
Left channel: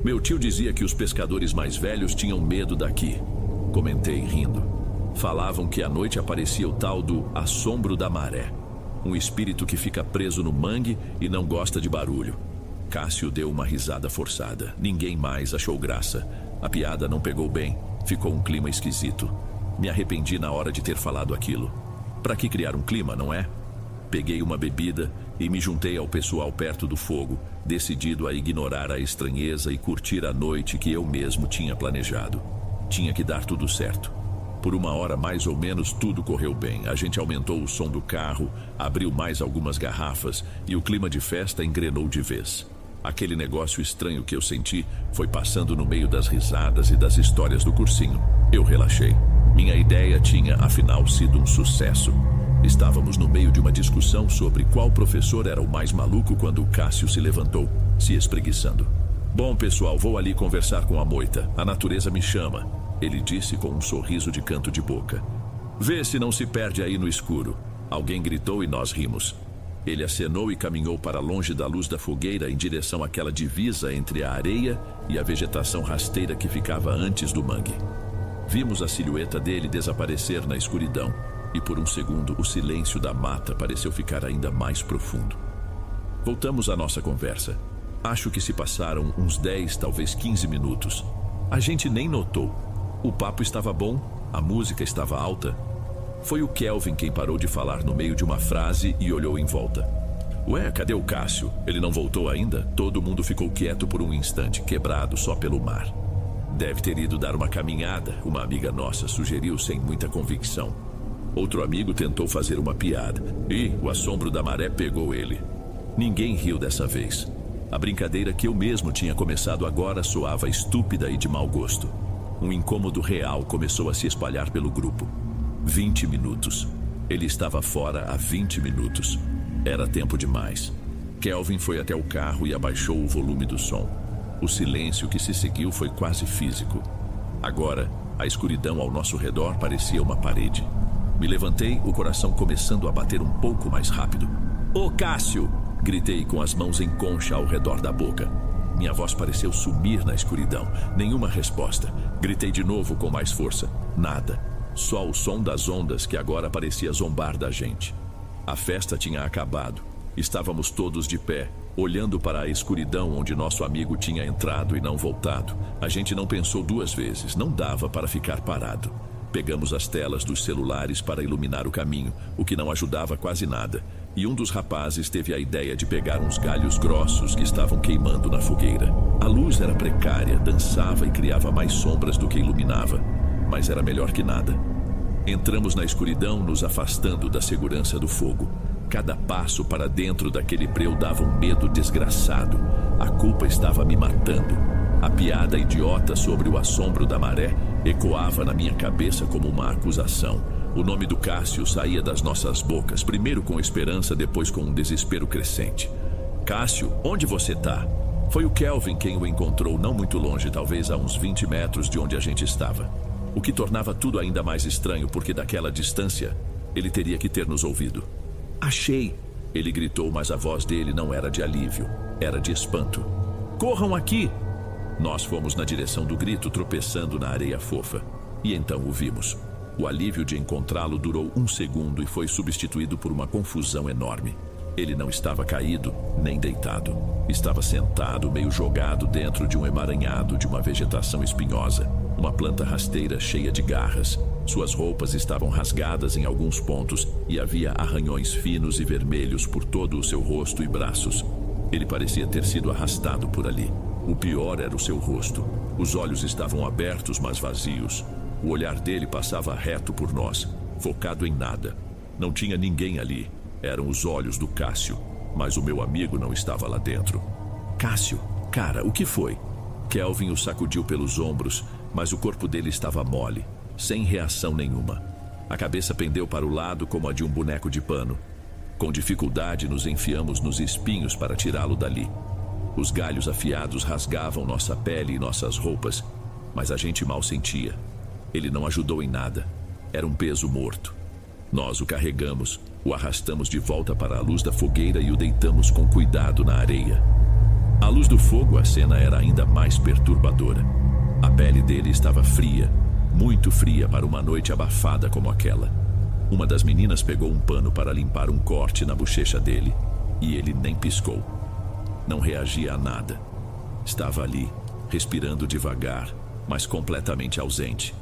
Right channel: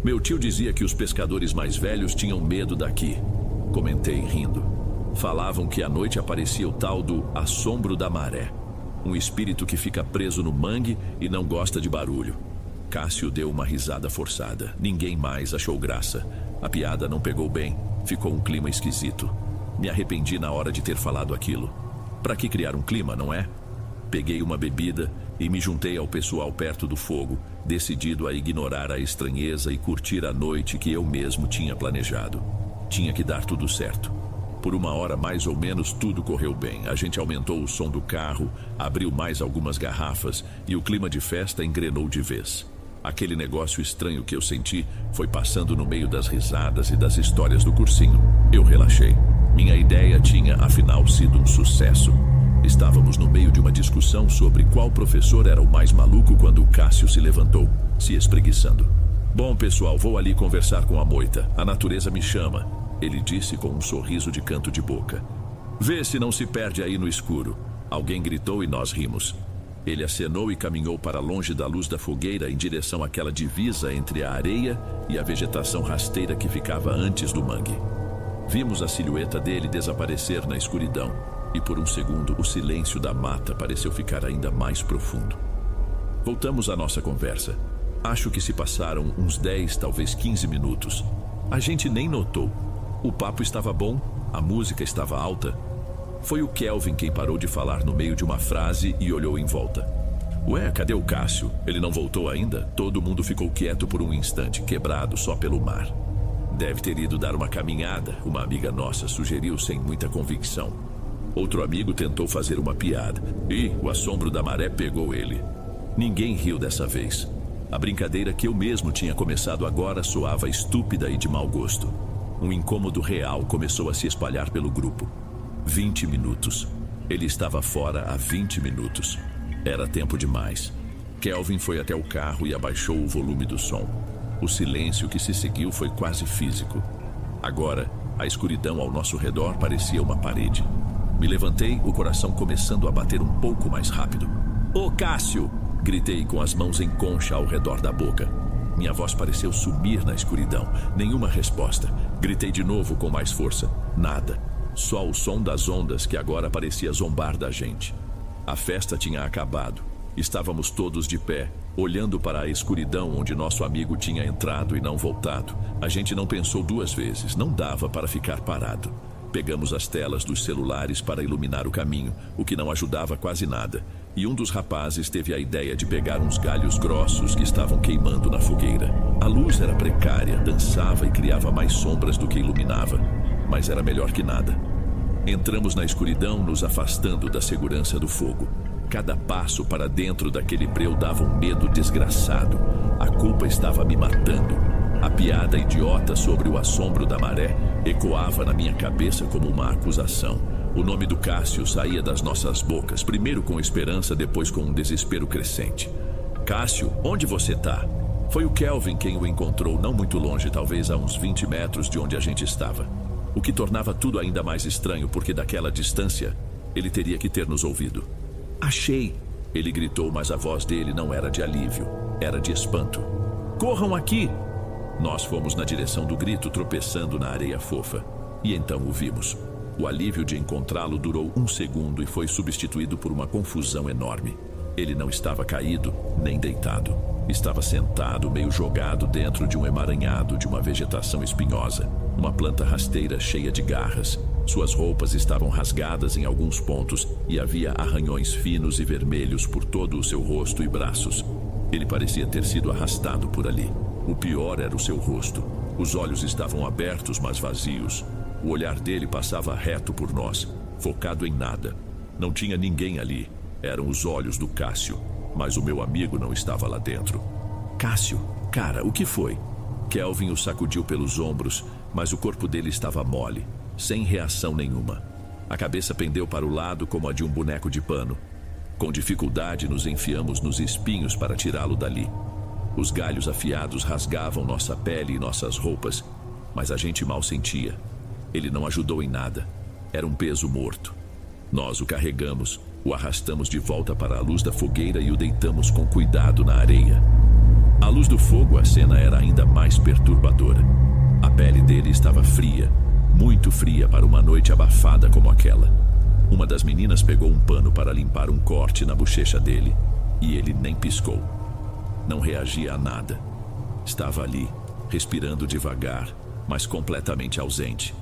Meu tio dizia que os pescadores mais velhos tinham medo daqui. Comentei rindo. Falavam que à noite aparecia o tal do assombro da maré. Um espírito que fica preso no mangue e não gosta de barulho. Cássio deu uma risada forçada. Ninguém mais achou graça. A piada não pegou bem. Ficou um clima esquisito. Me arrependi na hora de ter falado aquilo. Para que criar um clima, não é? Peguei uma bebida e me juntei ao pessoal perto do fogo, decidido a ignorar a estranheza e curtir a noite que eu mesmo tinha planejado. Tinha que dar tudo certo. Por uma hora mais ou menos tudo correu bem. A gente aumentou o som do carro, abriu mais algumas garrafas e o clima de festa engrenou de vez. Aquele negócio estranho que eu senti foi passando no meio das risadas e das histórias do cursinho. Eu relaxei. Minha ideia tinha, afinal, sido um sucesso. Estávamos no meio de uma discussão sobre qual professor era o mais maluco quando o Cássio se levantou, se espreguiçando. Bom, pessoal, vou ali conversar com a moita. A natureza me chama, ele disse com um sorriso de canto de boca. Vê se não se perde aí no escuro. Alguém gritou e nós rimos. Ele acenou e caminhou para longe da luz da fogueira em direção àquela divisa entre a areia e a vegetação rasteira que ficava antes do mangue. Vimos a silhueta dele desaparecer na escuridão e por um segundo o silêncio da mata pareceu ficar ainda mais profundo. Voltamos à nossa conversa. Acho que se passaram uns 10, talvez 15 minutos. A gente nem notou. O papo estava bom, a música estava alta. Foi o Kelvin quem parou de falar no meio de uma frase e olhou em volta. Ué, cadê o Cássio? Ele não voltou ainda? Todo mundo ficou quieto por um instante, quebrado só pelo mar. Deve ter ido dar uma caminhada, uma amiga nossa sugeriu sem muita convicção. Outro amigo tentou fazer uma piada e o assombro da maré pegou ele. Ninguém riu dessa vez. A brincadeira que eu mesmo tinha começado agora soava estúpida e de mau gosto. Um incômodo real começou a se espalhar pelo grupo. 20 minutos. Ele estava fora há 20 minutos. Era tempo demais. Kelvin foi até o carro e abaixou o volume do som. O silêncio que se seguiu foi quase físico. Agora, a escuridão ao nosso redor parecia uma parede. Me levantei, o coração começando a bater um pouco mais rápido. Ô Cássio! Gritei com as mãos em concha ao redor da boca. Minha voz pareceu sumir na escuridão. Nenhuma resposta. Gritei de novo com mais força. Nada. Só o som das ondas que agora parecia zombar da gente. A festa tinha acabado. Estávamos todos de pé, olhando para a escuridão onde nosso amigo tinha entrado e não voltado. A gente não pensou duas vezes, não dava para ficar parado. Pegamos as telas dos celulares para iluminar o caminho, o que não ajudava quase nada, e um dos rapazes teve a ideia de pegar uns galhos grossos que estavam queimando na fogueira. A luz era precária, dançava e criava mais sombras do que iluminava, mas era melhor que nada. Entramos na escuridão, nos afastando da segurança do fogo. Cada passo para dentro daquele breu dava um medo desgraçado. A culpa estava me matando. A piada idiota sobre o assombro da maré ecoava na minha cabeça como uma acusação. O nome do Cássio saía das nossas bocas, primeiro com esperança, depois com um desespero crescente. Cássio, onde você tá? Foi o Kelvin quem o encontrou não muito longe, talvez a uns 20 metros de onde a gente estava. O que tornava tudo ainda mais estranho, porque daquela distância, ele teria que ter nos ouvido. Achei! Ele gritou, mas a voz dele não era de alívio, era de espanto. Corram aqui! Nós fomos na direção do grito, tropeçando na areia fofa. E então o vimos. O alívio de encontrá-lo durou 1 segundo e foi substituído por uma confusão enorme. Ele não estava caído, nem deitado. Estava sentado, meio jogado dentro de um emaranhado de uma vegetação espinhosa. Uma planta rasteira cheia de garras. Suas roupas estavam rasgadas em alguns pontos e havia arranhões finos e vermelhos por todo o seu rosto e braços. Ele parecia ter sido arrastado por ali. O pior era o seu rosto. Os olhos estavam abertos, mas vazios. O olhar dele passava reto por nós, focado em nada. Não tinha ninguém ali. Eram os olhos do Cássio, mas o meu amigo não estava lá dentro. Cássio, cara, o que foi? Kelvin o sacudiu pelos ombros, mas o corpo dele estava mole, sem reação nenhuma. A cabeça pendeu para o lado como a de um boneco de pano. Com dificuldade nos enfiamos nos espinhos para tirá-lo dali. Os galhos afiados rasgavam nossa pele e nossas roupas, mas a gente mal sentia. Ele não ajudou em nada. Era um peso morto. Nós o carregamos, o arrastamos de volta para a luz da fogueira e o deitamos com cuidado na areia. À luz do fogo, a cena era ainda mais perturbadora. A pele dele estava fria, muito fria para uma noite abafada como aquela. Uma das meninas pegou um pano para limpar um corte na bochecha dele, e ele nem piscou. Não reagia a nada. Estava ali, respirando devagar, mas completamente ausente.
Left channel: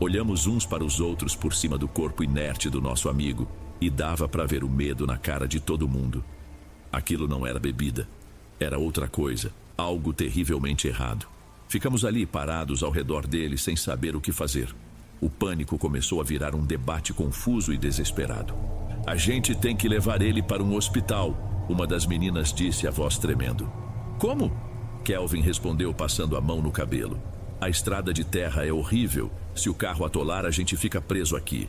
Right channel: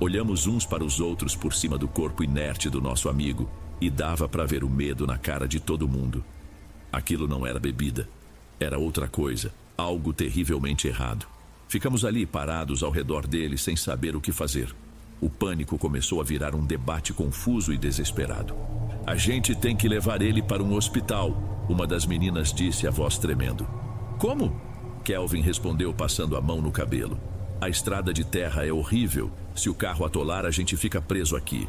Olhamos uns para os outros por cima do corpo inerte do nosso amigo e dava para ver o medo na cara de todo mundo. Aquilo não era bebida. Era outra coisa, algo terrivelmente errado. Ficamos ali parados ao redor dele sem saber o que fazer. O pânico começou a virar um debate confuso e desesperado. A gente tem que levar ele para um hospital, uma das meninas disse, a voz tremendo. Como? Kelvin respondeu passando a mão no cabelo. A estrada de terra é horrível. Se o carro atolar, a gente fica preso aqui.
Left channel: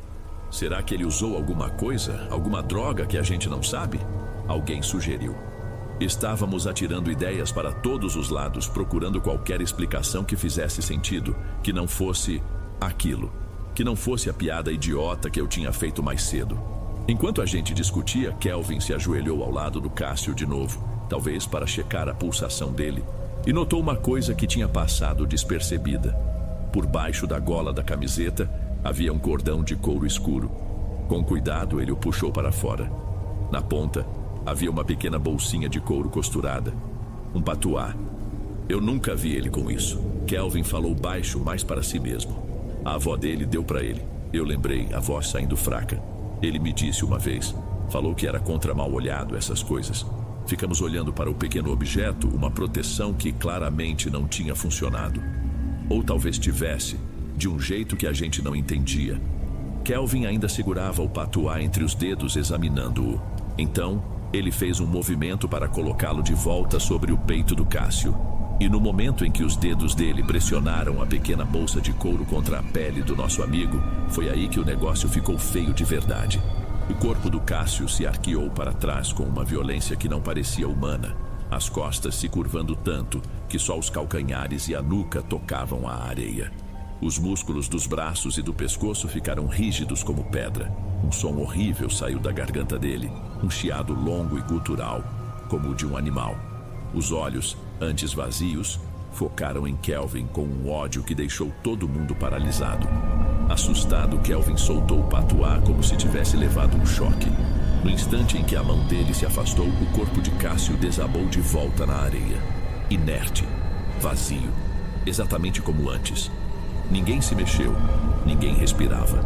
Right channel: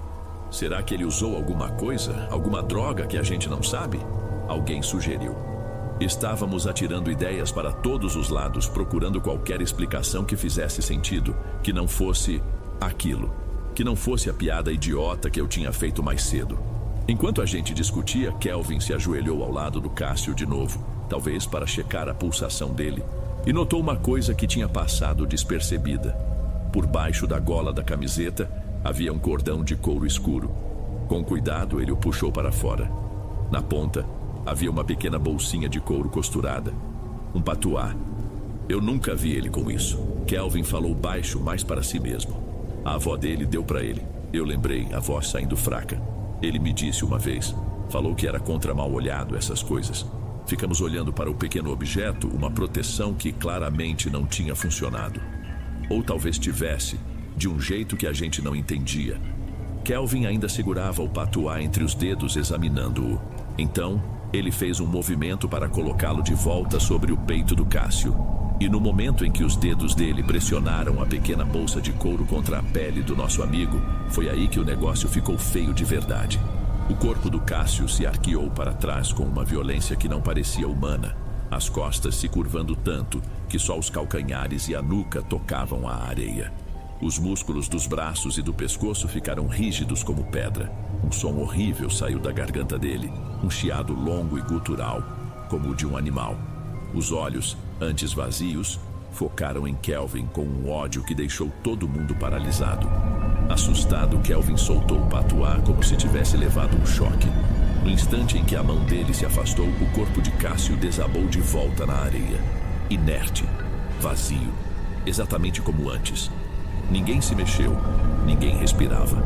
Será que ele usou alguma coisa? Alguma droga que a gente não sabe? Alguém sugeriu. Estávamos atirando ideias para todos os lados, procurando qualquer explicação que fizesse sentido, que não fosse aquilo, que não fosse a piada idiota que eu tinha feito mais cedo. Enquanto a gente discutia, Kelvin se ajoelhou ao lado do Cássio de novo, talvez para checar a pulsação dele, e notou uma coisa que tinha passado despercebida. Por baixo da gola da camiseta havia um cordão de couro escuro. Com cuidado, ele o puxou para fora. Na ponta, havia uma pequena bolsinha de couro costurada. Um patuá. Eu nunca vi ele com isso. Kelvin falou baixo, mais para si mesmo. A avó dele deu para ele. Eu lembrei, a voz saindo fraca. Ele me disse uma vez. Falou que era contra mal olhado essas coisas. Ficamos olhando para o pequeno objeto, uma proteção que claramente não tinha funcionado. Ou talvez tivesse, de um jeito que a gente não entendia. Kelvin ainda segurava o patuá entre os dedos, examinando-o. Então, ele fez um movimento para colocá-lo de volta sobre o peito do Cássio. E no momento em que os dedos dele pressionaram a pequena bolsa de couro contra a pele do nosso amigo, foi aí que o negócio ficou feio de verdade. O corpo do Cássio se arqueou para trás com uma violência que não parecia humana, as costas se curvando tanto que só os calcanhares e a nuca tocavam a areia. Os músculos dos braços e do pescoço ficaram rígidos como pedra. Um som horrível saiu da garganta dele, um chiado longo e gutural, como o de um animal. Os olhos, antes vazios, focaram em Kelvin com um ódio que deixou todo mundo paralisado. Assustado, Kelvin soltou o patuá como se tivesse levado um choque. No instante em que a mão dele se afastou, o corpo de Cássio desabou de volta na areia. Inerte, vazio, exatamente como antes. Ninguém se mexeu, ninguém respirava.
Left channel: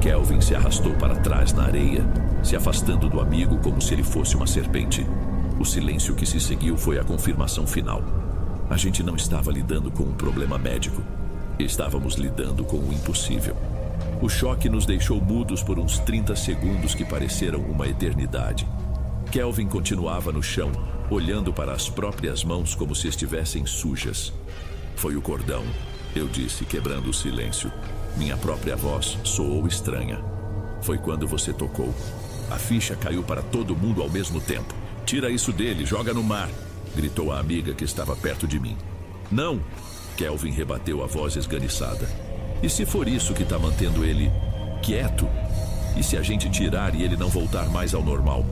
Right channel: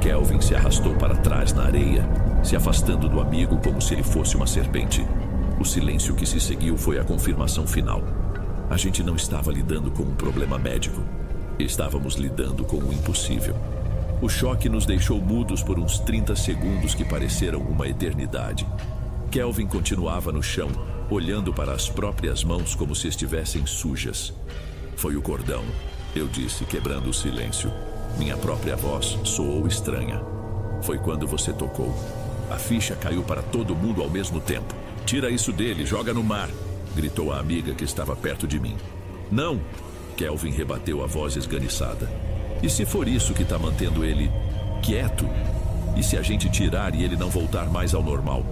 Kelvin se arrastou para trás na areia, se afastando do amigo como se ele fosse uma serpente. O silêncio que se seguiu foi a confirmação final. A gente não estava lidando com um problema médico. Estávamos lidando com o impossível. O choque nos deixou mudos por uns 30 segundos que pareceram uma eternidade. Kelvin continuava no chão, olhando para as próprias mãos como se estivessem sujas. Foi o cordão, eu disse, quebrando o silêncio. Minha própria voz soou estranha. Foi quando você tocou. A ficha caiu para todo mundo ao mesmo tempo. Tira isso dele, joga no mar, gritou a amiga que estava perto de mim. Não! Kelvin rebateu a voz esganiçada. E se for isso que está mantendo ele quieto? E se a gente tirar e ele não voltar mais ao normal?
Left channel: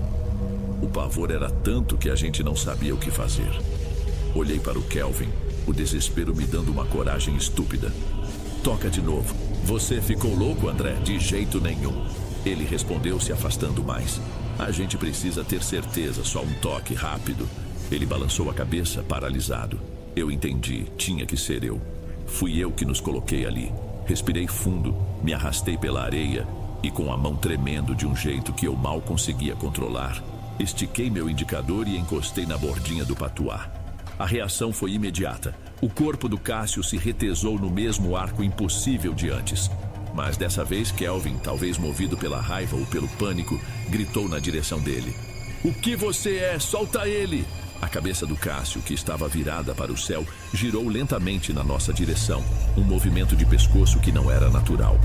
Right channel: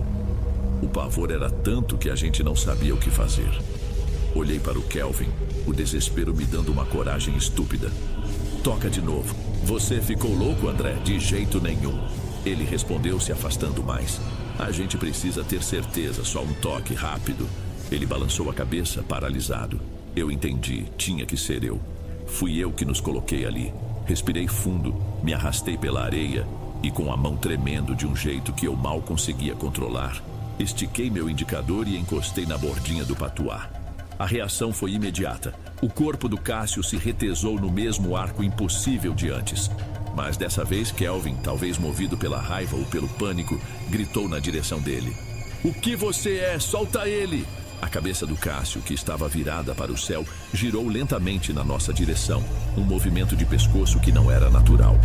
O pavor era tanto que a gente não sabia o que fazer. Olhei para o Kelvin, o desespero me dando uma coragem estúpida. Toca de novo. Você ficou louco, André? De jeito nenhum. Ele respondeu, se afastando mais. A gente precisa ter certeza, só um toque rápido. Ele balançou a cabeça, paralisado. Eu entendi, tinha que ser eu. Fui eu que nos coloquei ali. Respirei fundo, me arrastei pela areia e, com a mão tremendo de um jeito que eu mal conseguia controlar, estiquei meu indicador e encostei na bordinha do patuá. A reação foi imediata. O corpo do Cássio se retesou no mesmo arco impossível de antes. Mas dessa vez Kelvin, talvez movido pela raiva ou pelo pânico, gritou na direção dele. O que você é? Solta ele! A cabeça do Cássio, que estava virada para o céu, girou lentamente na nossa direção, um movimento de pescoço que não era natural.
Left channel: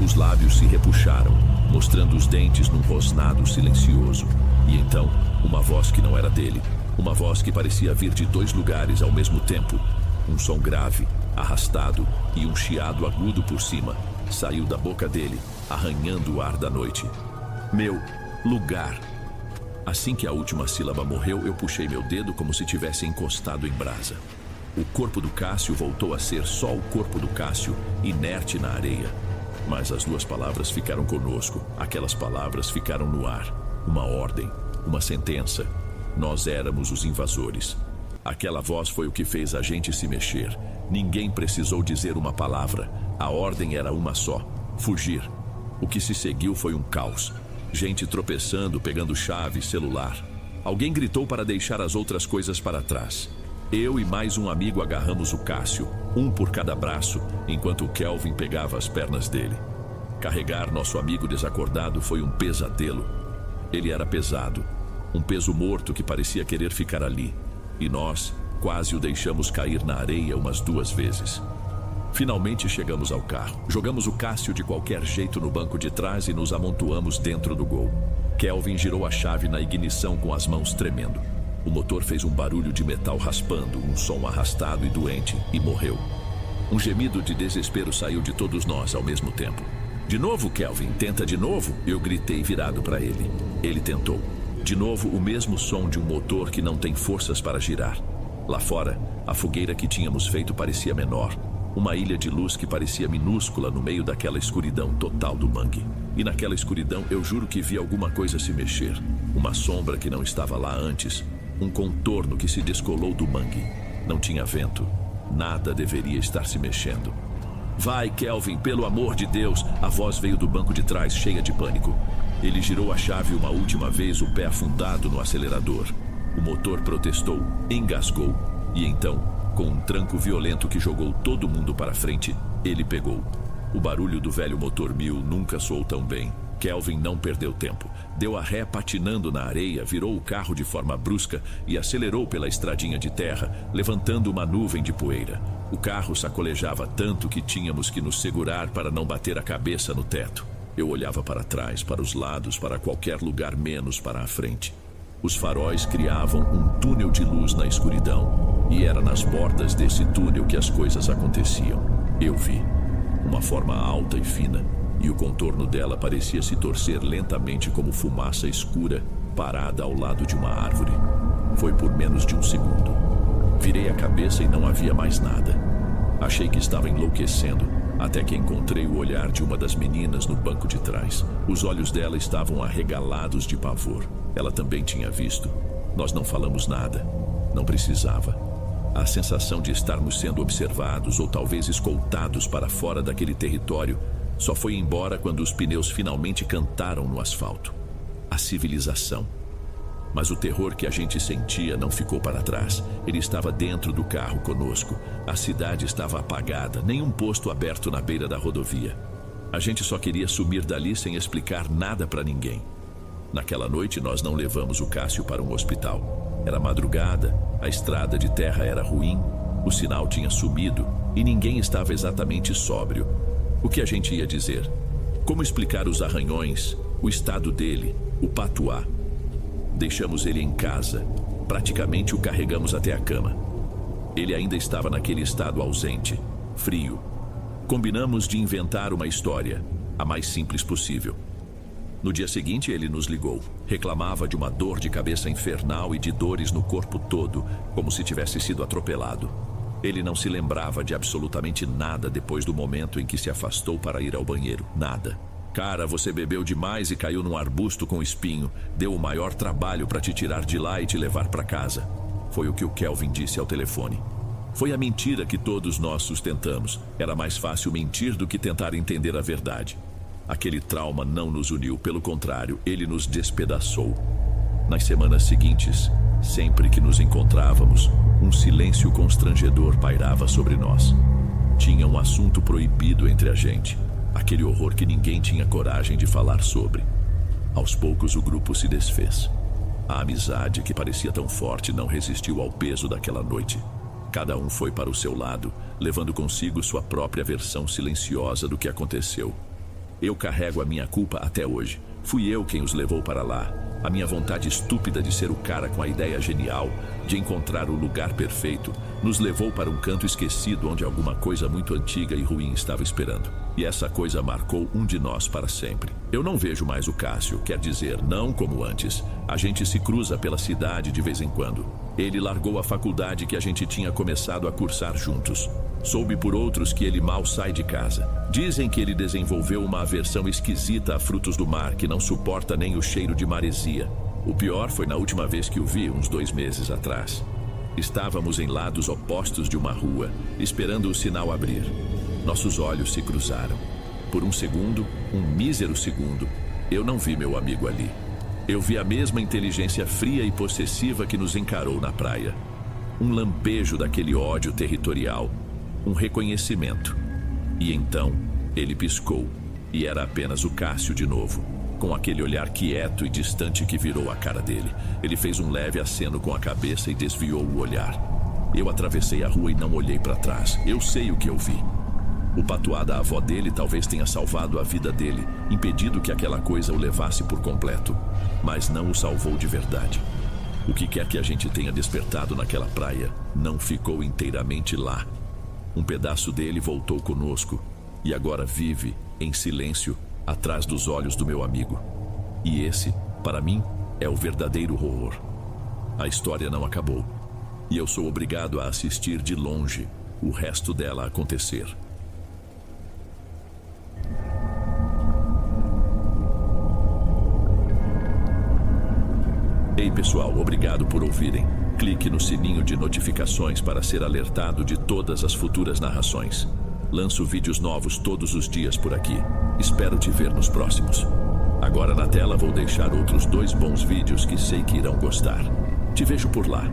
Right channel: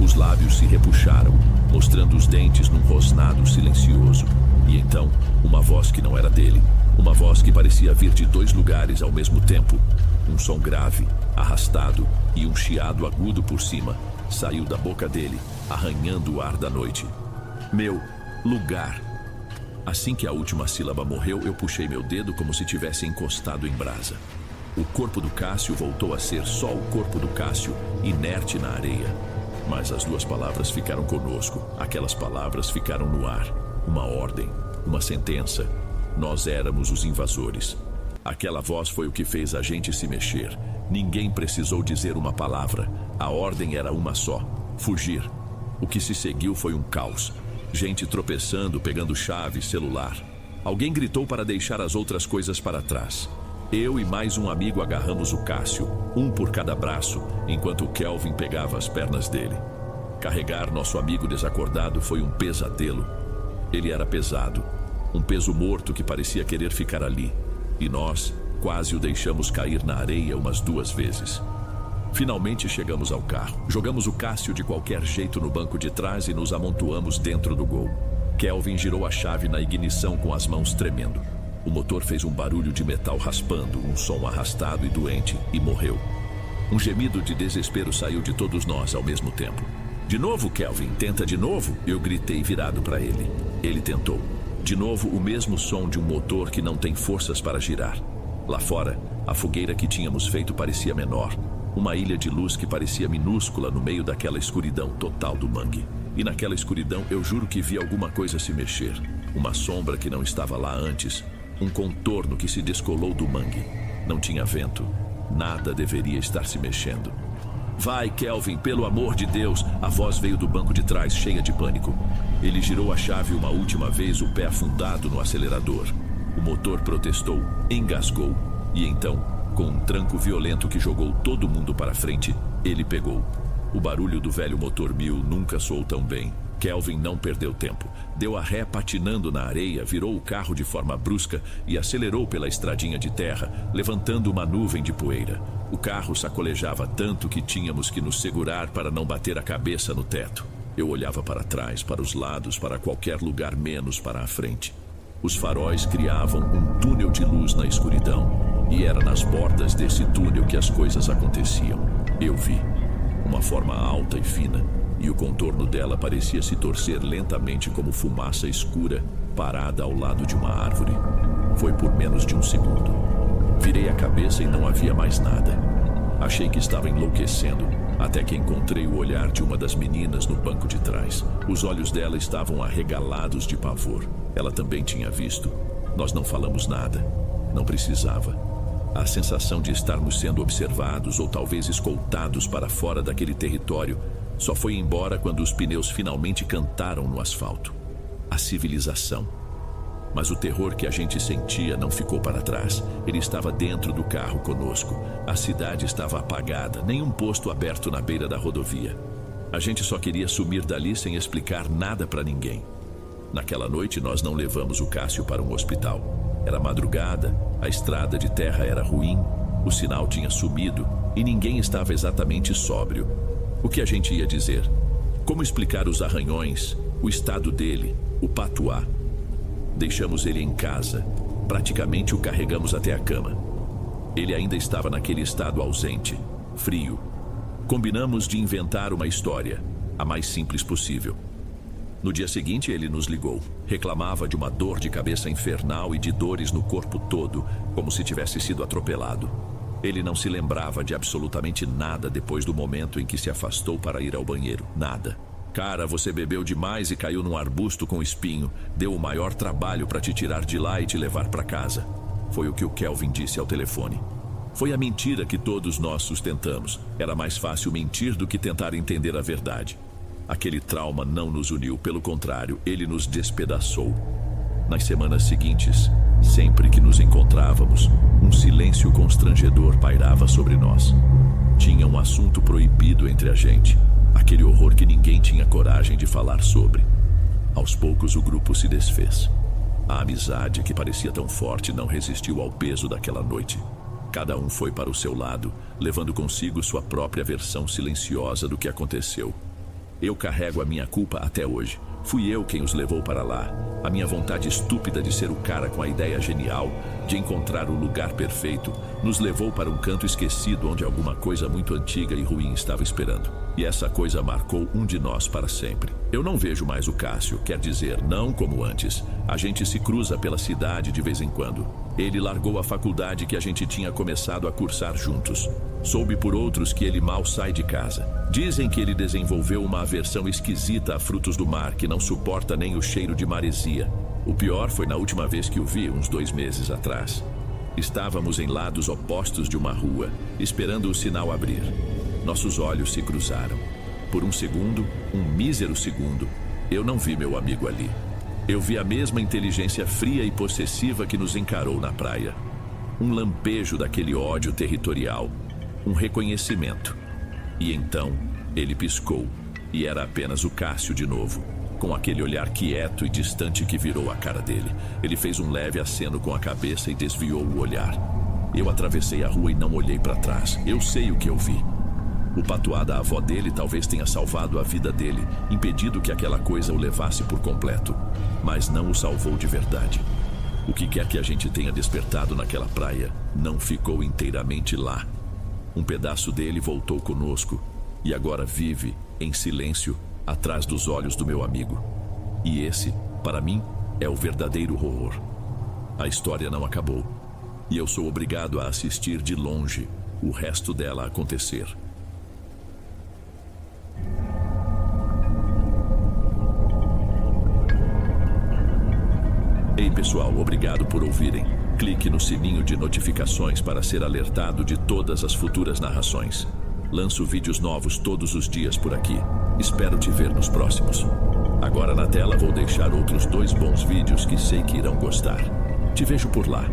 Os lábios se repuxaram, mostrando os dentes num rosnado silencioso. E então, uma voz que não era dele, uma voz que parecia vir de dois lugares ao mesmo tempo. Um som grave, arrastado e um chiado agudo por cima, saiu da boca dele, arranhando o ar da noite. Meu lugar. Assim que a última sílaba morreu, eu puxei meu dedo como se tivesse encostado em brasa. O corpo do Cássio voltou a ser só o corpo do Cássio, inerte na areia. Mas as duas palavras ficaram conosco. Aquelas palavras ficaram no ar. Uma ordem, uma sentença. Nós éramos os invasores. Aquela voz foi o que fez a gente se mexer. Ninguém precisou dizer uma palavra. A ordem era uma só: fugir. O que se seguiu foi um caos. Gente tropeçando, pegando chave, celular. Alguém gritou para deixar as outras coisas para trás. Eu e mais um amigo agarramos o Cássio, um por cada braço, enquanto o Kelvin pegava as pernas dele. Carregar nosso amigo desacordado foi um pesadelo. Ele era pesado, um peso morto que parecia querer ficar ali. E nós quase o deixamos cair na areia umas 2 vezes. Finalmente chegamos ao carro. Jogamos o Cássio de qualquer jeito no banco de trás e nos amontoamos dentro do Gol. Kelvin girou a chave na ignição com as mãos tremendo. O motor fez um barulho de metal raspando, um som arrastado e doente, e morreu. Um gemido de desespero saiu de todos nós ao mesmo tempo. De novo, Kelvin, tenta de novo? Eu gritei virado para ele. Ele tentou. De novo, o mesmo som de um motor que não tem forças para girar. Lá fora, a fogueira que tínhamos feito parecia menor. Uma ilha de luz que parecia minúscula no meio daquela escuridão total do mangue. E naquela escuridão eu juro que vi alguma coisa se mexer. Uma sombra que não estava lá antes. Um contorno que se descolou do mangue. Não tinha vento. Nada deveria estar se mexendo. Vai, Kelvin, pelo amor de Deus! A voz veio do banco de trás, cheia de pânico. Ele girou a chave uma última vez, o pé afundado no acelerador. O motor protestou, engasgou. E então, com um tranco violento que jogou todo mundo para frente, ele pegou. O barulho do velho motor 1000 nunca soou tão bem. Kelvin não perdeu tempo. Deu a ré patinando na areia, virou o carro de forma brusca e acelerou pela estradinha de terra, levantando uma nuvem de poeira. O carro sacolejava tanto que tínhamos que nos segurar para não bater a cabeça no teto. Eu olhava para trás, para os lados, para qualquer lugar menos para a frente. Os faróis criavam um túnel de luz na escuridão. E era nas bordas desse túnel que as coisas aconteciam. Eu vi uma forma alta e fina, e o contorno dela parecia se torcer lentamente como fumaça escura parada ao lado de uma árvore. Foi por menos de 1 segundo. Virei a cabeça e não havia mais nada. Achei que estava enlouquecendo, até que encontrei o olhar de uma das meninas no banco de trás. Os olhos dela estavam arregalados de pavor. Ela também tinha visto. Nós não falamos nada. Não precisava. A sensação de estarmos sendo observados ou talvez escoltados para fora daquele território só foi embora quando os pneus finalmente cantaram no asfalto. A civilização. Mas o terror que a gente sentia não ficou para trás. Ele estava dentro do carro conosco. A cidade estava apagada, nenhum posto aberto na beira da rodovia. A gente só queria sumir dali sem explicar nada para ninguém. Naquela noite nós não levamos o Cássio para um hospital. Era madrugada, a estrada de terra era ruim, o sinal tinha sumido e ninguém estava exatamente sóbrio. O que a gente ia dizer? Como explicar os arranhões, o estado dele, o patuá? Deixamos ele em casa, praticamente o carregamos até a cama. Ele ainda estava naquele estado ausente, frio. Combinamos de inventar uma história, a mais simples possível. No dia seguinte ele nos ligou. Reclamava de uma dor de cabeça infernal e de dores no corpo todo, como se tivesse sido atropelado. Ele não se lembrava de absolutamente nada depois do momento em que se afastou para ir ao banheiro. Nada. Cara, você bebeu demais e caiu num arbusto com espinho. Deu o maior trabalho para te tirar de lá e te levar para casa. Foi o que o Kelvin disse ao telefone. Foi a mentira que todos nós sustentamos. Era mais fácil mentir do que tentar entender a verdade. Aquele trauma não nos uniu, pelo contrário, ele nos despedaçou. Nas semanas seguintes, sempre que nos encontrávamos, um silêncio constrangedor pairava sobre nós. Tinha um assunto proibido entre a gente. Aquele horror que ninguém tinha coragem de falar sobre. Aos poucos o grupo se desfez. A amizade que parecia tão forte não resistiu ao peso daquela noite. Cada um foi para o seu lado, levando consigo sua própria versão silenciosa do que aconteceu. Eu carrego a minha culpa até hoje. Fui eu quem os levou para lá. A minha vontade estúpida de ser o cara com a ideia genial, de encontrar o lugar perfeito, nos levou para um canto esquecido onde alguma coisa muito antiga e ruim estava esperando. E essa coisa marcou um de nós para sempre. Eu não vejo mais o Cássio, quer dizer, não como antes. A gente se cruza pela cidade de vez em quando. Ele largou a faculdade que a gente tinha começado a cursar juntos. Soube por outros que ele mal sai de casa. Dizem que ele desenvolveu uma aversão esquisita a frutos do mar que não suporta nem o cheiro de maresia. O pior foi na última vez que o vi, uns 2 meses atrás. Estávamos em lados opostos de uma rua, esperando o sinal abrir. Nossos olhos se cruzaram. Por um segundo, um mísero segundo, eu não vi meu amigo ali. Eu vi a mesma inteligência fria e possessiva que nos encarou na praia. Um lampejo daquele ódio territorial. Um reconhecimento. E então, ele piscou, e era apenas o Cássio de novo, com aquele olhar quieto e distante que virou a cara dele. Ele fez um leve aceno com a cabeça e desviou o olhar. Eu atravessei a rua e não olhei para trás. Eu sei o que eu vi. O patuá da avó dele talvez tenha salvado a vida dele, impedido que aquela coisa o levasse por completo, mas não o salvou de verdade. O que quer que a gente tenha despertado naquela praia, não ficou inteiramente lá. Um pedaço dele voltou conosco e agora vive, em silêncio, atrás dos olhos do meu amigo. E esse, para mim, é o verdadeiro horror. A história não acabou e eu sou obrigado a assistir de longe o resto dela acontecer. Ei pessoal, obrigado por ouvirem. Clique no sininho de notificações para ser alertado de todas as futuras narrações. Lanço vídeos novos todos os dias por aqui. Espero te ver nos próximos. Agora na tela vou deixar outros 2 bons vídeos que sei que irão gostar. Te vejo por lá.